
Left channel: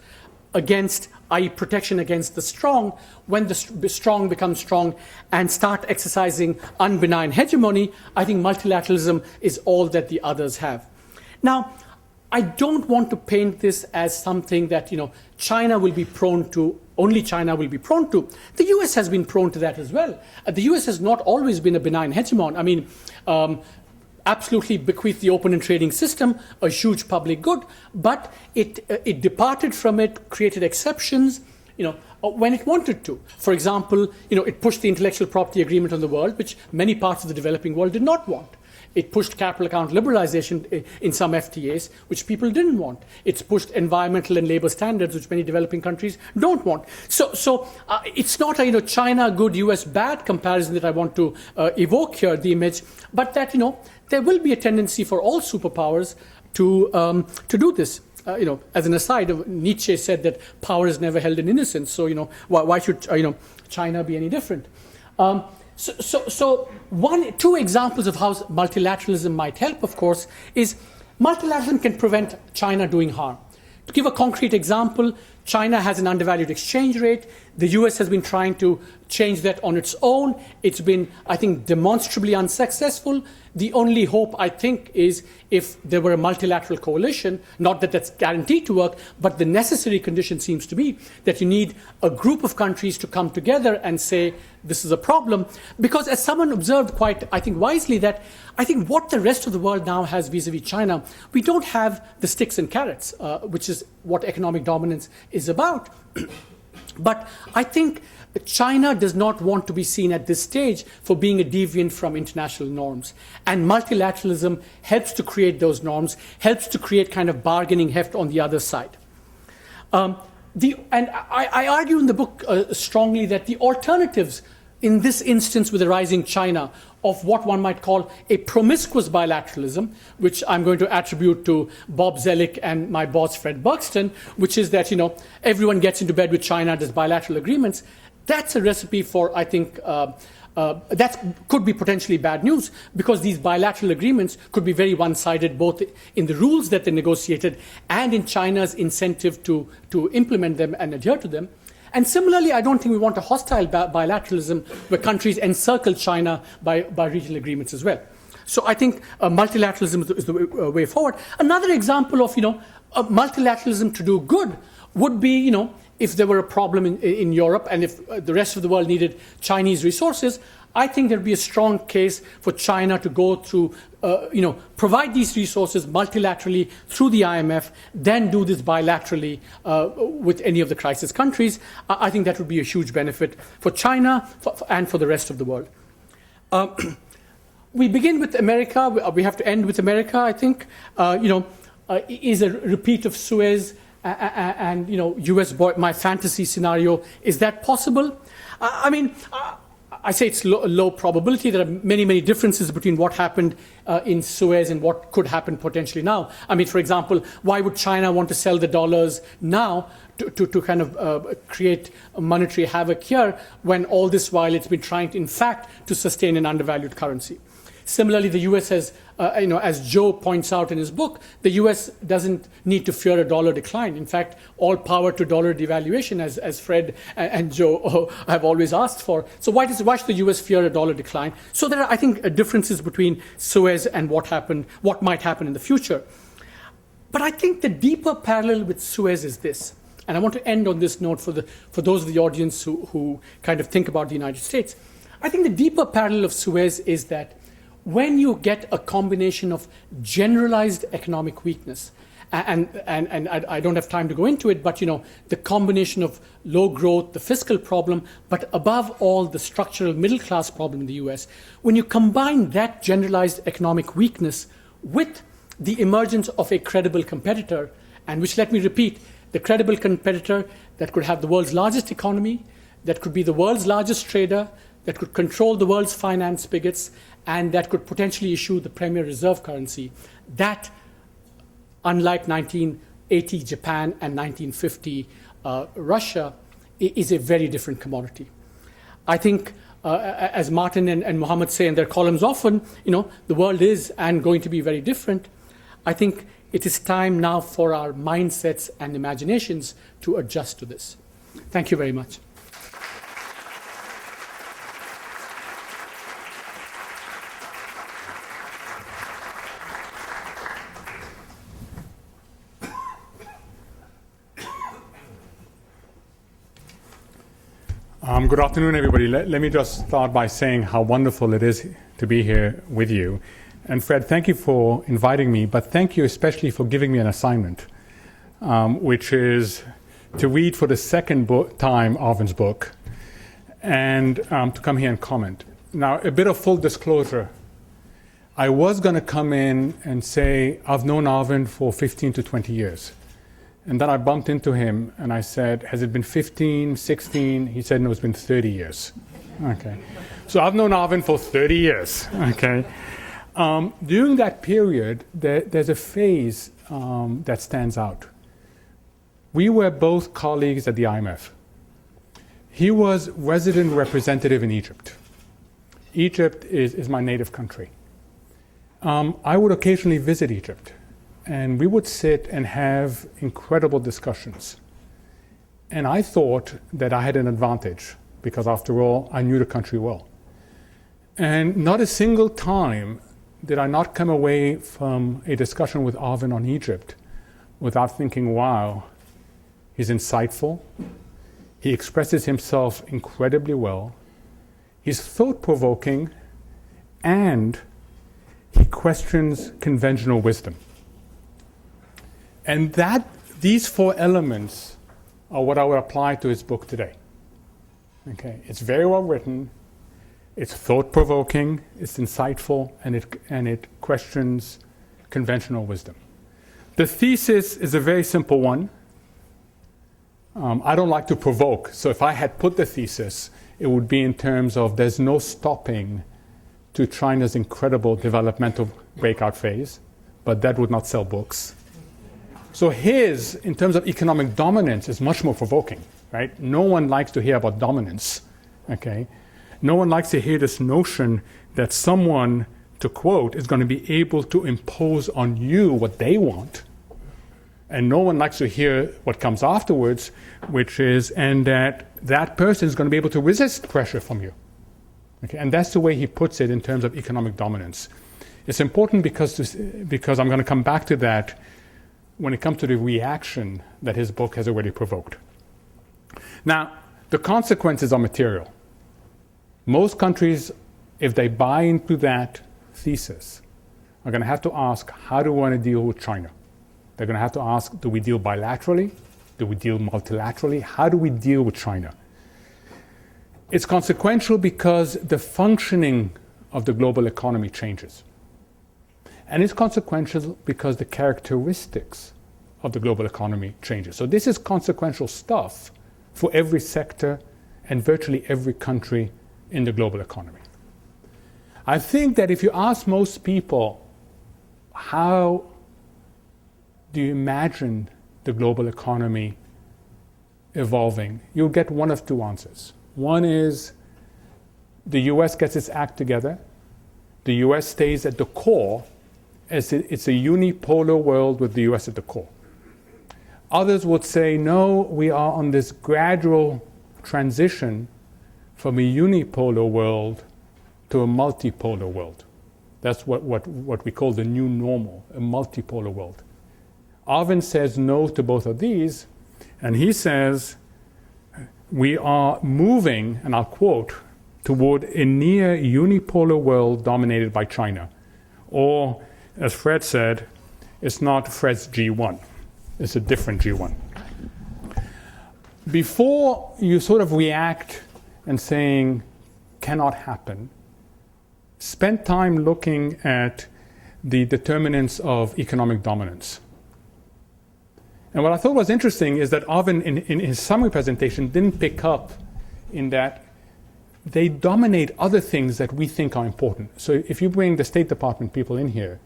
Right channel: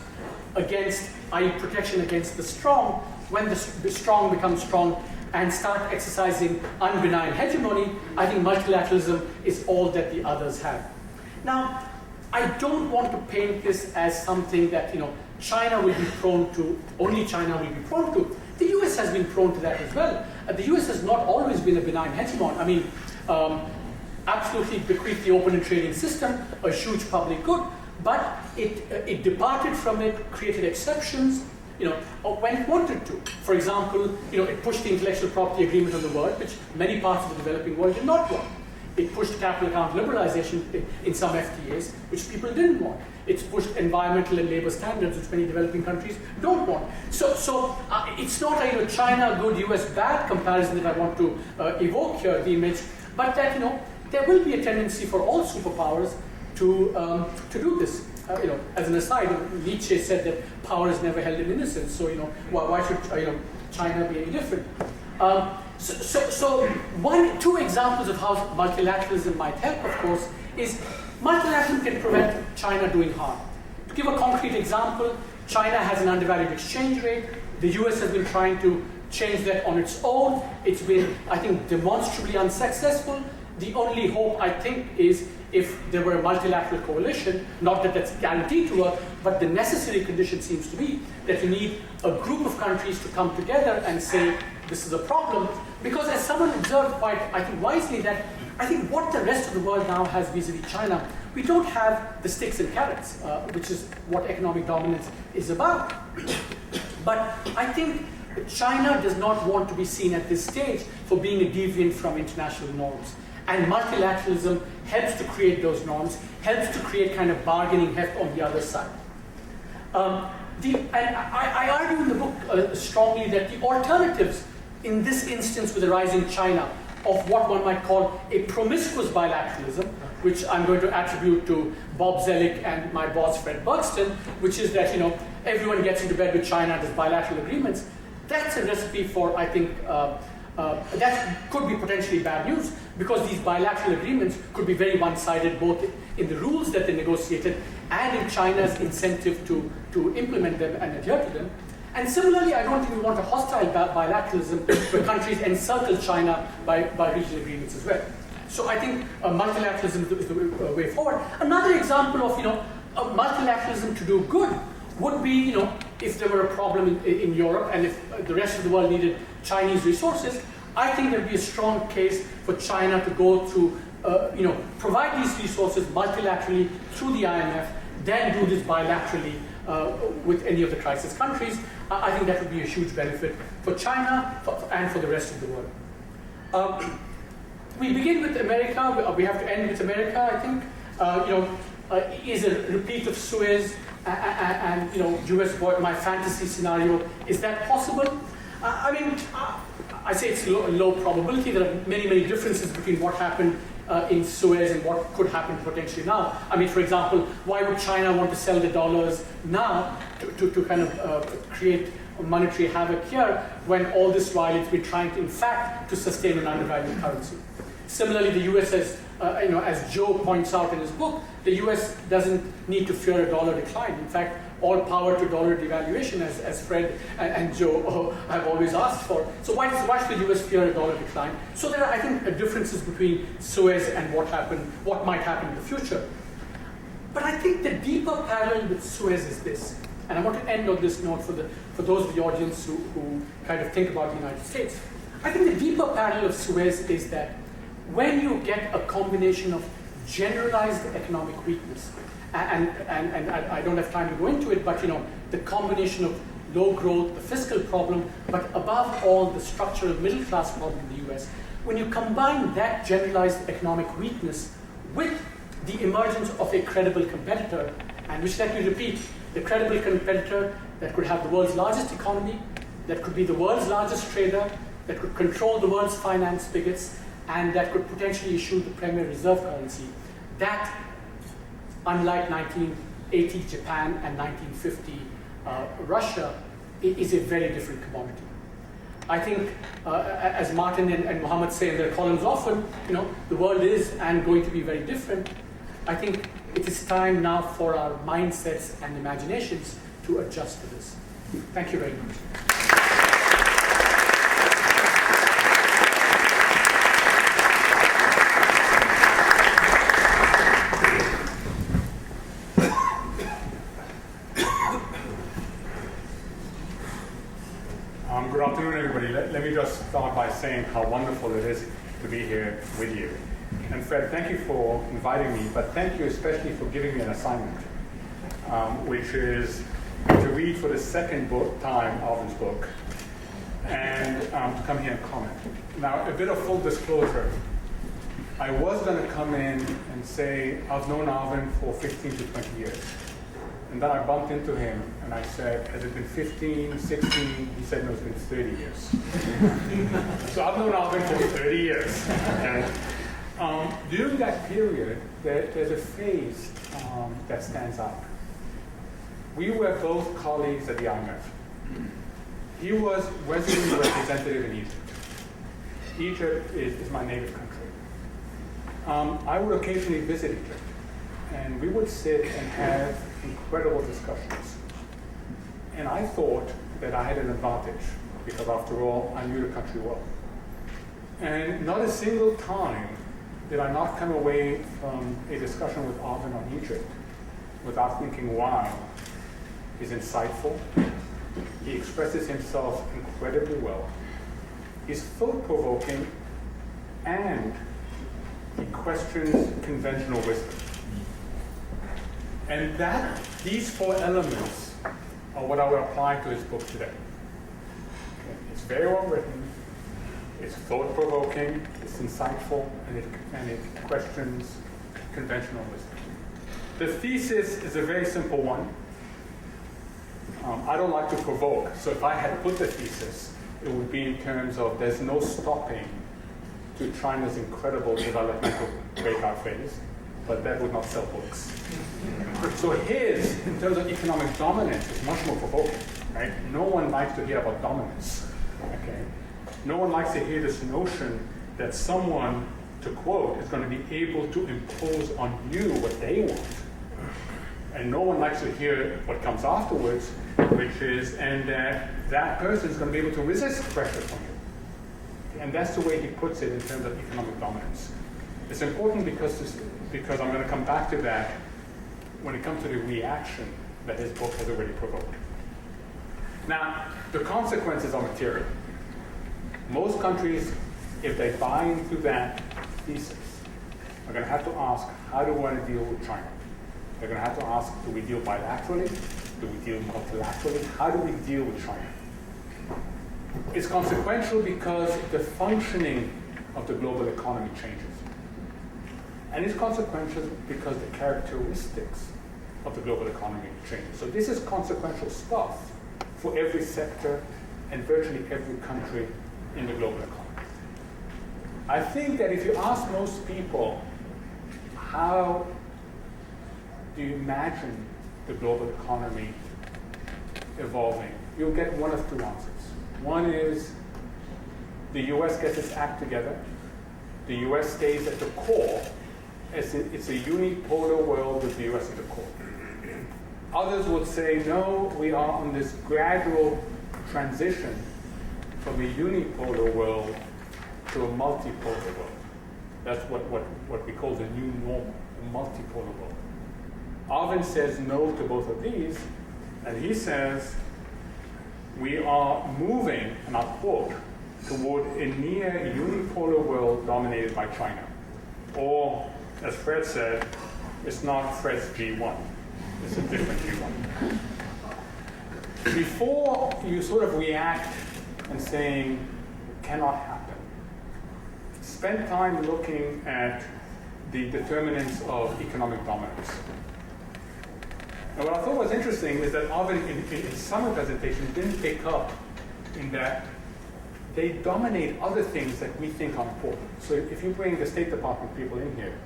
against, i.e. protection against the strong, when the strong become strong and start exercising unbenign hegemony. I think multilateralism is all that the others have. Now, I don't want to paint this as something that China will be prone to, only China will be prone to. The US has been prone to that as well. The US has not always been a benign hegemon. I mean, absolutely bequeathed the open and trading system, a huge public good, but it departed from it, created exceptions, when it wanted to. For example, it pushed the intellectual property agreement on the world, which many parts of the developing world did not want. It pushed capital account liberalization in some FTAs, which people didn't want. It's pushed environmental and labor standards, which many developing countries don't want. So it's not a China good, US bad comparison that I want to evoke here, the image, but that there will be a tendency for all superpowers to do this. As an aside, Nietzsche said that power is never held in innocence. So why should China be any different? So two examples of how multilateralism might help, of course, is multilateralism can prevent China doing harm. To give a concrete example, China has an undervalued exchange rate. The US has been trying to change that on its own. It's been, I think, demonstrably unsuccessful. The only hope, I think, is if there were a multilateral coalition, not that that's guaranteed to work, but the necessary condition seems to be that you need a group of countries to come together and say, this is a problem. Because as someone observed quite, I think, wisely, that I think what the rest of the world now has vis-a-vis China, we don't have the sticks and carrots, which is what economic dominance is about. But I think China does not want to be seen at this stage for being a deviant from international norms. And multilateralism helps to create those norms, helps to create kind of bargaining heft on the other side. And I argue in the book strongly that the alternatives in this instance with the rising China of what one might call a promiscuous bilateralism, which I'm going to attribute to Bob Zellick and my boss Fred Buxton, which is that everyone gets into bed with China, does bilateral agreements. That's a recipe for, I think, that could be potentially bad news, because these bilateral agreements could be very one-sided, both in the rules that they negotiated and in China's incentive to implement them and adhere to them. And similarly, I don't think we want a hostile bilateralism where countries encircle China by regional agreements as well. So I think multilateralism is the way forward. Another example of multilateralism to do good would be if there were a problem in Europe and if the rest of the world needed Chinese resources, I think there would be a strong case for China to go through, provide these resources multilaterally through the IMF, then do this bilaterally with any of the crisis countries. I think that would be a huge benefit for China and for the rest of the world. We begin with America. We have to end with America, I think. Is a repeat of Suez and U.S. my fantasy scenario, is that possible? I say it's low probability. There are many, many differences between what happened in Suez and what could happen potentially now. For example, why would China want to sell the dollars now to kind of create a monetary havoc here, when all this while it's been trying, in fact, to sustain an undervalued currency? Similarly, the U.S. has, as Joe points out in his book, the U.S. doesn't need to fear a dollar decline. In fact, all power to dollar devaluation, as Fred and Joe have always asked for. So why should the U.S. fear a dollar decline? So there are, I think, differences between Suez and what might happen in the future. But I think the deeper parallel with Suez is this, and I want to end on this note for those of the audience who kind of think about the United States. I think the deeper parallel of Suez is that when you get a combination of generalized economic weakness, and I don't have time to go into it, but the combination of low growth, the fiscal problem, but above all the structural middle class problem in the US, when you combine that generalized economic weakness with the emergence of a credible competitor, and which, let me repeat, the credible competitor that could have the world's largest economy, that could be the world's largest trader, that could control the world's finance spigots, and that could potentially issue the premier reserve currency, that, unlike 1980 Japan and 1950 Russia, is a very different commodity. I think, as Martin and Mohammed say in their columns often, the world is and going to be very different. I think it is time now for our mindsets and imaginations to adjust to this. Thank you very much. Good afternoon, everybody. Let me just start by saying how wonderful it is to be here with you. And Fred, thank you for inviting me, but thank you especially for giving me an assignment, which is to read for the second time Arvind's book and to come here and comment. Now, a bit of full disclosure. I was going to come in and say, I've known Arvind for 15 to 20 years. And then I bumped into him and I said, has it been 15, 16? He said, no, it's been 30 years. Okay. So I've known Arvind for 30 years. Okay. During that period, there's a phase that stands out. We were both colleagues at the IMF. He was resident representative in Egypt. Egypt is my native country. I would occasionally visit Egypt. And we would sit and have incredible discussions. And I thought that I had an advantage because, after all, I knew the country well. And not a single time did I not come away from a discussion with Arvind on Egypt without thinking, wow, he's insightful, he expresses himself incredibly well, he's thought-provoking, and questions conventional wisdom. And these four elements are what I would apply to his book today. Okay. It's very well written, it's thought-provoking, it's insightful, and it questions conventional wisdom. The thesis is a very simple one. I don't like to provoke, so if I had put the thesis, it would be in terms of there's no stopping to China's incredible developmental breakout phase, but that would not sell books. So his, in terms of economic dominance, is much more provoking, right? No one likes to hear about dominance, okay? No one likes to hear this notion that someone, to quote, is going to be able to impose on you what they want. And no one likes to hear what comes afterwards, which is, and that person is going to be able to resist pressure from you. Okay? And that's the way he puts it in terms of economic dominance. It's important because I'm going to come back to that when it comes to the reaction that his book has already provoked. Now, the consequences are material. Most countries, if they buy into that thesis, are going to have to ask, how do we want to deal with China? They're going to have to ask, do we deal bilaterally? Do we deal multilaterally? How do we deal with China? It's consequential because the functioning of the global economy changes. And it's consequential because the characteristics of the global economy changes. So this is consequential stuff for every sector and virtually every country in the global economy. I think that if you ask most people, how do you imagine the global economy evolving, you'll get one of two answers. One is the US gets its act together, the US stays at the core, as it's a unipolar world with the US at the core. Others would say, no, we are on this gradual transition from a unipolar world to a multipolar world. That's what we call the new normal, a multipolar world. Arvind says no to both of these, and he says we are moving, and I'll quote, toward a near unipolar world dominated by China. Or, as Fred said, it's not Fred's G1, it's a different G1. Before you sort of react and saying, cannot happen, spend time looking at the determinants of economic dominance. And what I thought was interesting is that Arvind, in his summary presentation, didn't pick up in that they dominate other things that we think are important. So if you bring the State Department people in here,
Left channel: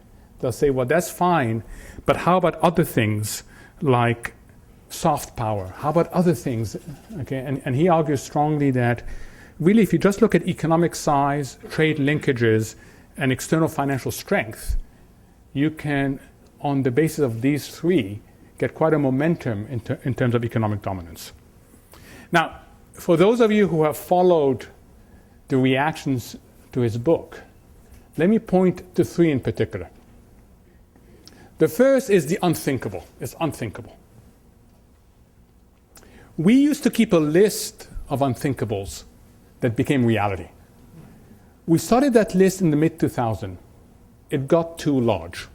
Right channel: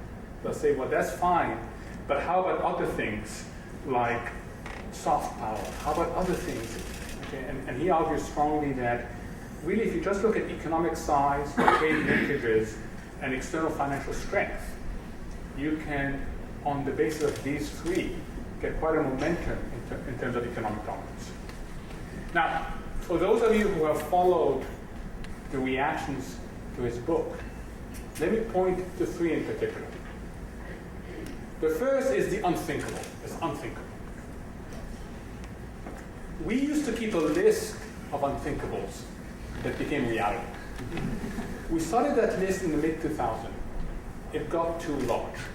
they'll say, well, that's fine, but how about other things like soft power? How about other things? Okay, and he argues strongly that really if you just look at economic size, trade linkages, and external financial strength, you can, on the basis of these three, get quite a momentum in terms of economic dominance. Now, for those of you who have followed the reactions to his book, let me point to three in particular. The first is the unthinkable. It's unthinkable. We used to keep a list of unthinkables that became reality. We started that list in the mid-2000s. It got too large.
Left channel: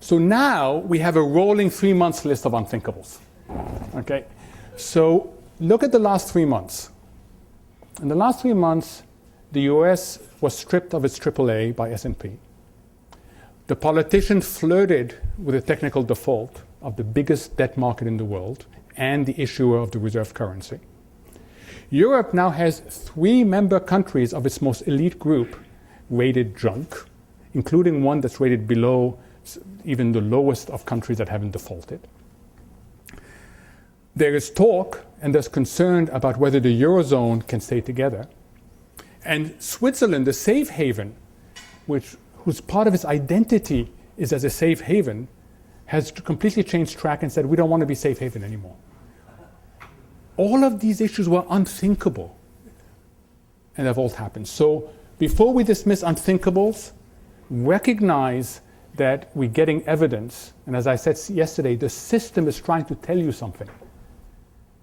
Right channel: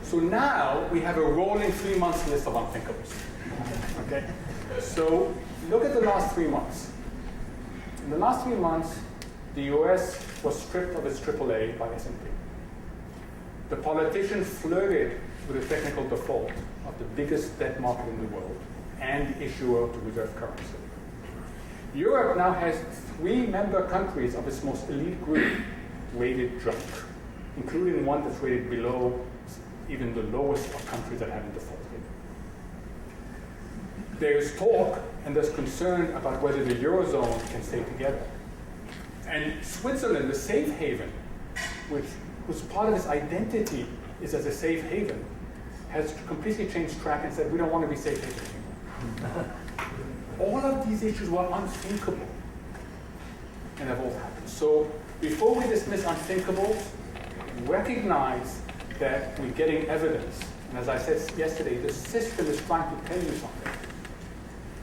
So now we have a rolling 3 months list of unthinkables. Okay? So look at the last 3 months. In the last 3 months, the US was stripped of its AAA by S&P. The politicians flirted with the technical default of the biggest debt market in the world and the issuer of the reserve currency. Europe now has 3 member countries of its most elite group rated junk, including one that's rated below even the lowest of countries that haven't defaulted. There is talk and there's concern about whether the Eurozone can stay together. And Switzerland, the safe haven, whose part of its identity is as a safe haven, has completely changed track and said, we don't want to be safe haven anymore. All of these issues were unthinkable, and have all happened. So before we dismiss unthinkables, recognize that we're getting evidence, and as I said yesterday, the system is trying to tell you something.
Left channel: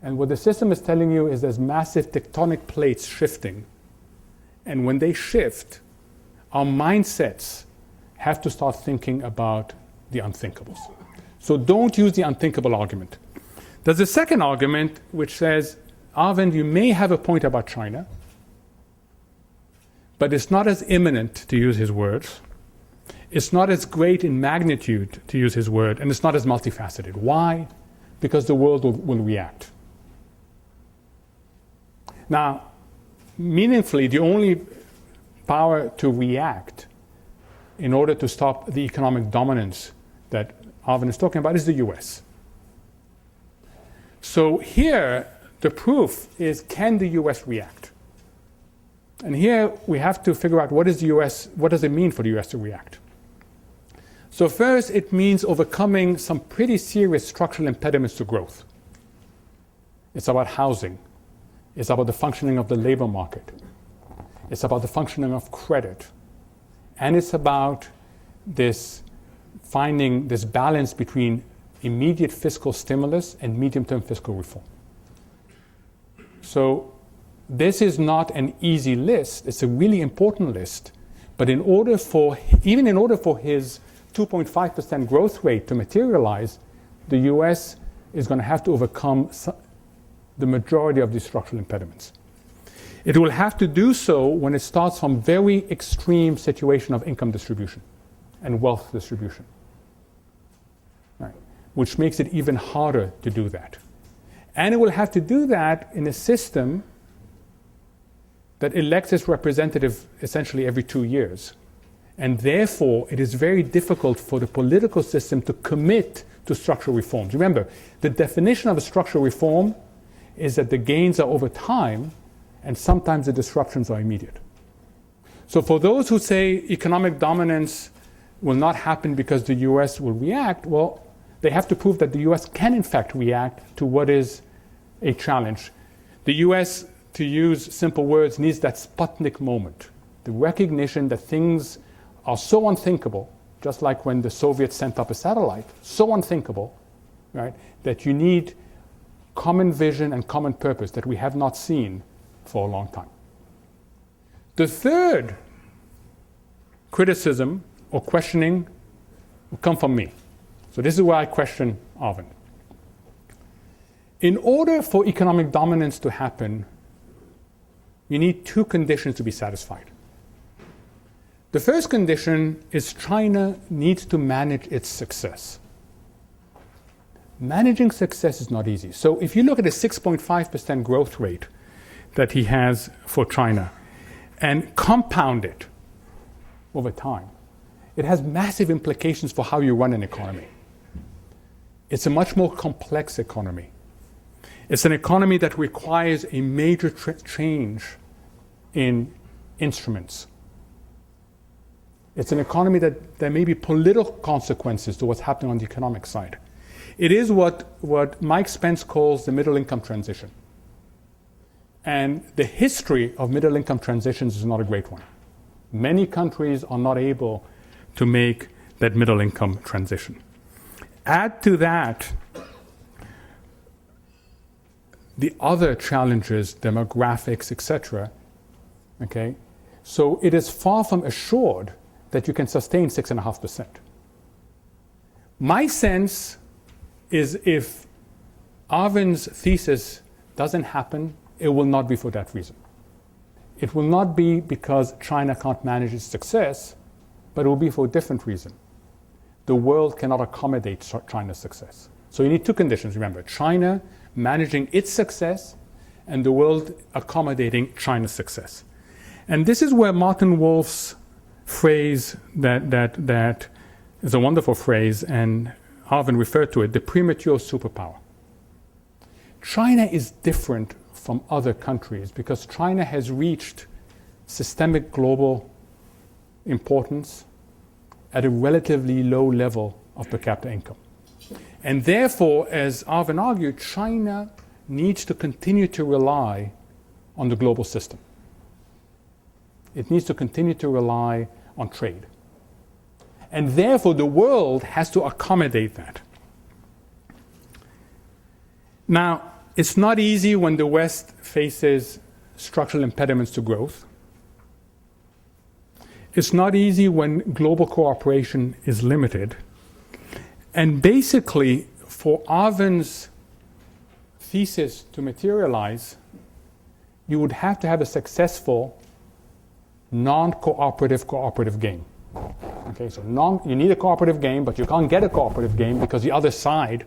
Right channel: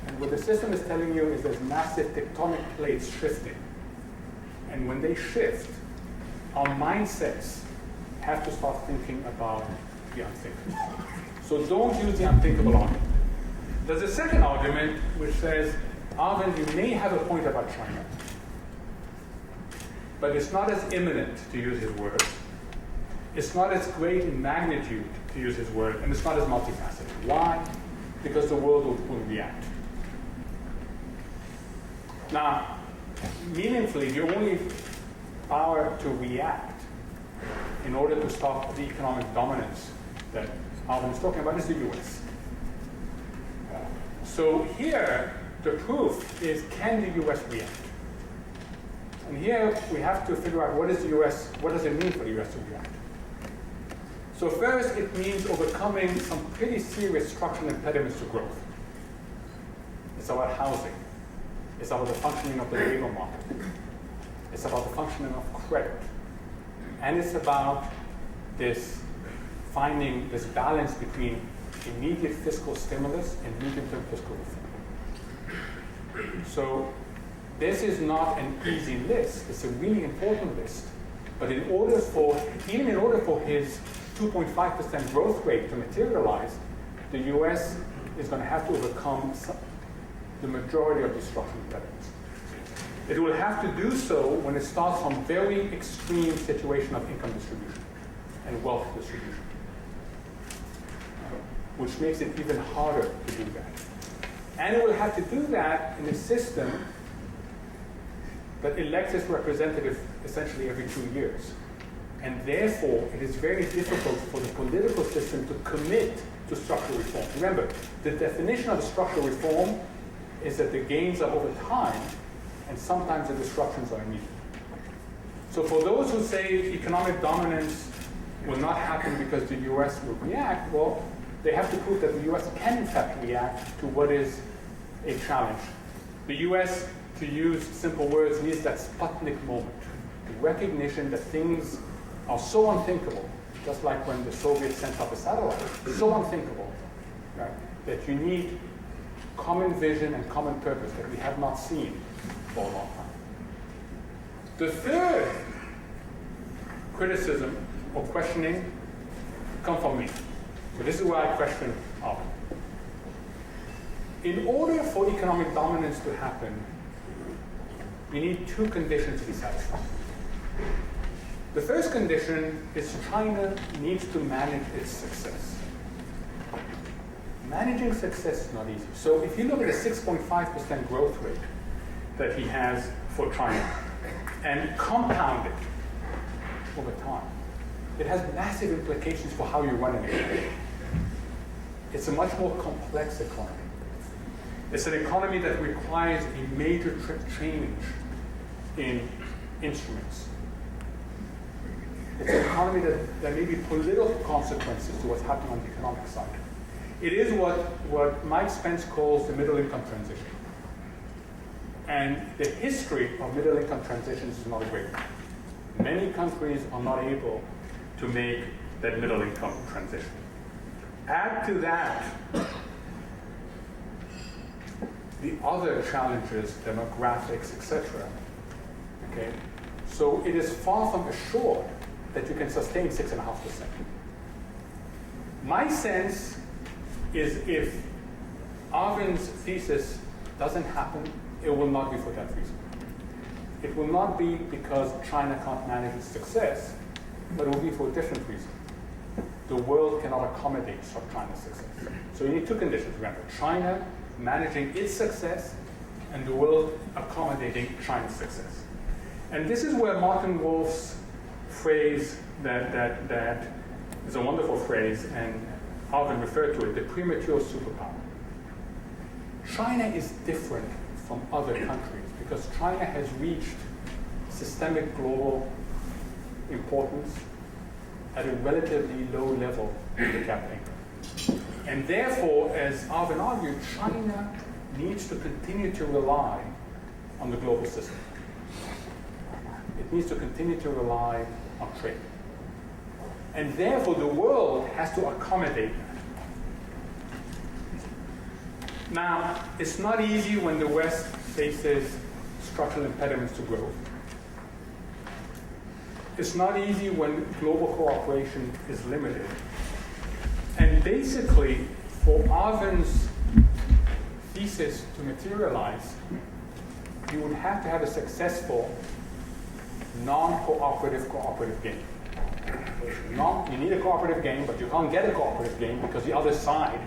And what the system is telling you is there's massive tectonic plates shifting. And when they shift, our mindsets have to start thinking about the unthinkables. So don't use the unthinkable argument. There's a second argument which says, Arvind, you may have a point about China, but it's not as imminent, to use his words. It's not as great in magnitude, to use his word, and it's not as multifaceted. Why? Because the world will react. Now, meaningfully, the only power to react in order to stop the economic dominance that Arvind is talking about is the US. So here, the proof is, can the US react? And here we have to figure out what does it mean for the US to react? So first, it means overcoming some pretty serious structural impediments to growth. It's about housing. It's about the functioning of the labor market. It's about the functioning of credit. And it's about finding this balance between immediate fiscal stimulus and medium-term fiscal reform. So this is not an easy list. It's a really important list. But even in order for his 2.5% growth rate to materialize, the US is going to have to overcome the majority of these structural impediments. It will have to do so when it starts from very extreme situation of income distribution and wealth distribution, right? Which makes it even harder to do that. And it will have to do that in a system that elects its representative essentially every 2 years. And therefore, it is very difficult for the political system to commit to structural reforms. Remember, the definition of a structural reform is that the gains are over time, and sometimes the disruptions are immediate. So for those who say economic dominance will not happen because the US will react, well, they have to prove that the US can in fact react to what is a challenge. The US, to use simple words, needs that Sputnik moment, the recognition that things are so unthinkable, just like when the Soviets sent up a satellite, so unthinkable, right, that you need common vision and common purpose that we have not seen for a long time. The third criticism or questioning will come from me. So this is where I question Arvind. In order for economic dominance to happen, we need two conditions to be satisfied. The first condition is China needs to manage its success. Managing success is not easy. So if you look at the 6.5% growth rate that he has for China and compound it over time, it has massive implications for how you run an economy. It's a much more complex economy. It's an economy that requires a major change in instruments. It's an economy that there may be political consequences to what's happening on the economic side. It is what Mike Spence calls the middle income transition. And the history of middle income transitions is not a great one. Many countries are not able to make that middle income transition. Add to that the other challenges, demographics, etc. Okay? So it is far from assured that you can sustain 6.5%. My sense is if Arvind's thesis doesn't happen, it will not be for that reason. It will not be because China can't manage its success, but it will be for a different reason. The world cannot accommodate China's success. So you need two conditions, remember. China managing its success and the world accommodating China's success. And this is where Martin Wolf's phrase that is a wonderful phrase, and Arvind referred to it, the premature superpower. China is different from other countries because China has reached systemic global importance at a relatively low level of per capita income. And therefore, as Arvind argued, China needs to continue to rely on the global system. It needs to continue to rely on trade. And therefore, the world has to accommodate that. Now, it's not easy when the West faces structural impediments to growth. It's not easy when global cooperation is limited. And basically, for Arvind's thesis to materialize, you would have to have a successful non-cooperative cooperative game. Okay, so you need a cooperative game, but you can't get a cooperative game because the other side,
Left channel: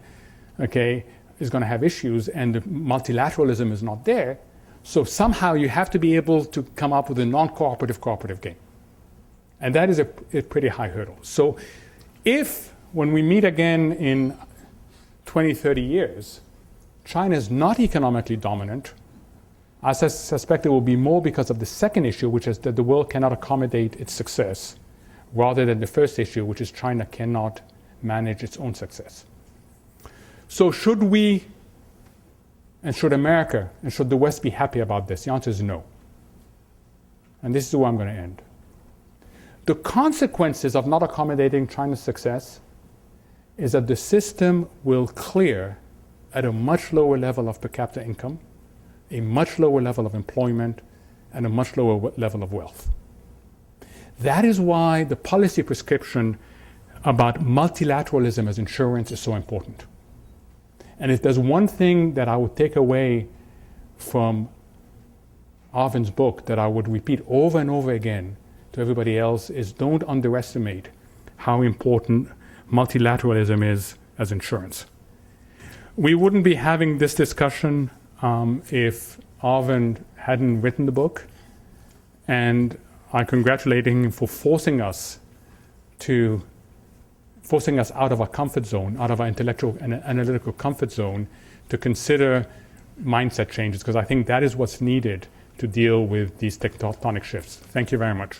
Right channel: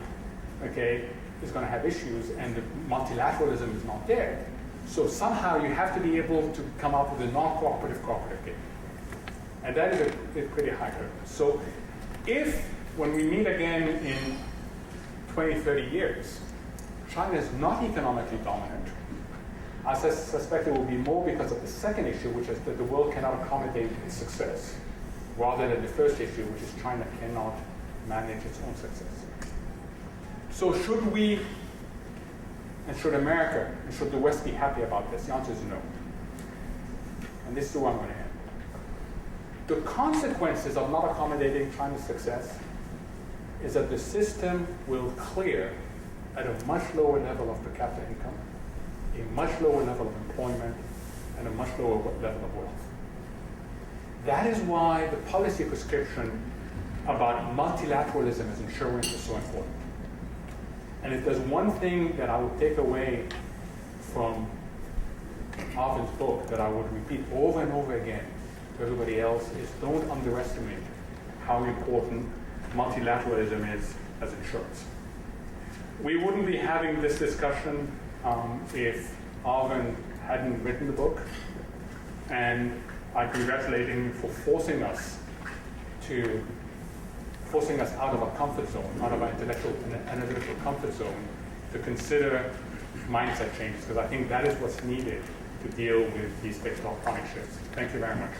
okay, is going to have issues and the multilateralism is not there. So somehow you have to be able to come up with a non-cooperative cooperative game. And that is a pretty high hurdle. So if, when we meet again in 20, 30 years, China is not economically dominant, I suspect it will be more because of the second issue, which is that the world cannot accommodate its success, rather than the first issue, which is China cannot manage its own success. So should we, and should America, and should the West be happy about this? The answer is no. And this is where I'm going to end. The consequences of not accommodating China's success is that the system will clear at a much lower level of per capita income, a much lower level of employment, and a much lower level of wealth. That is why the policy prescription about multilateralism as insurance is so important. And if there's one thing that I would take away from Arvind's book that I would repeat over and over again to everybody else is don't underestimate how important multilateralism is as insurance. We wouldn't be having this discussion if Arvind hadn't written the book, and I congratulate him for forcing us out of our comfort zone, out of our intellectual and analytical comfort zone, to consider mindset changes, because I think that is what's needed to deal with these tectonic shifts. Thank you very much.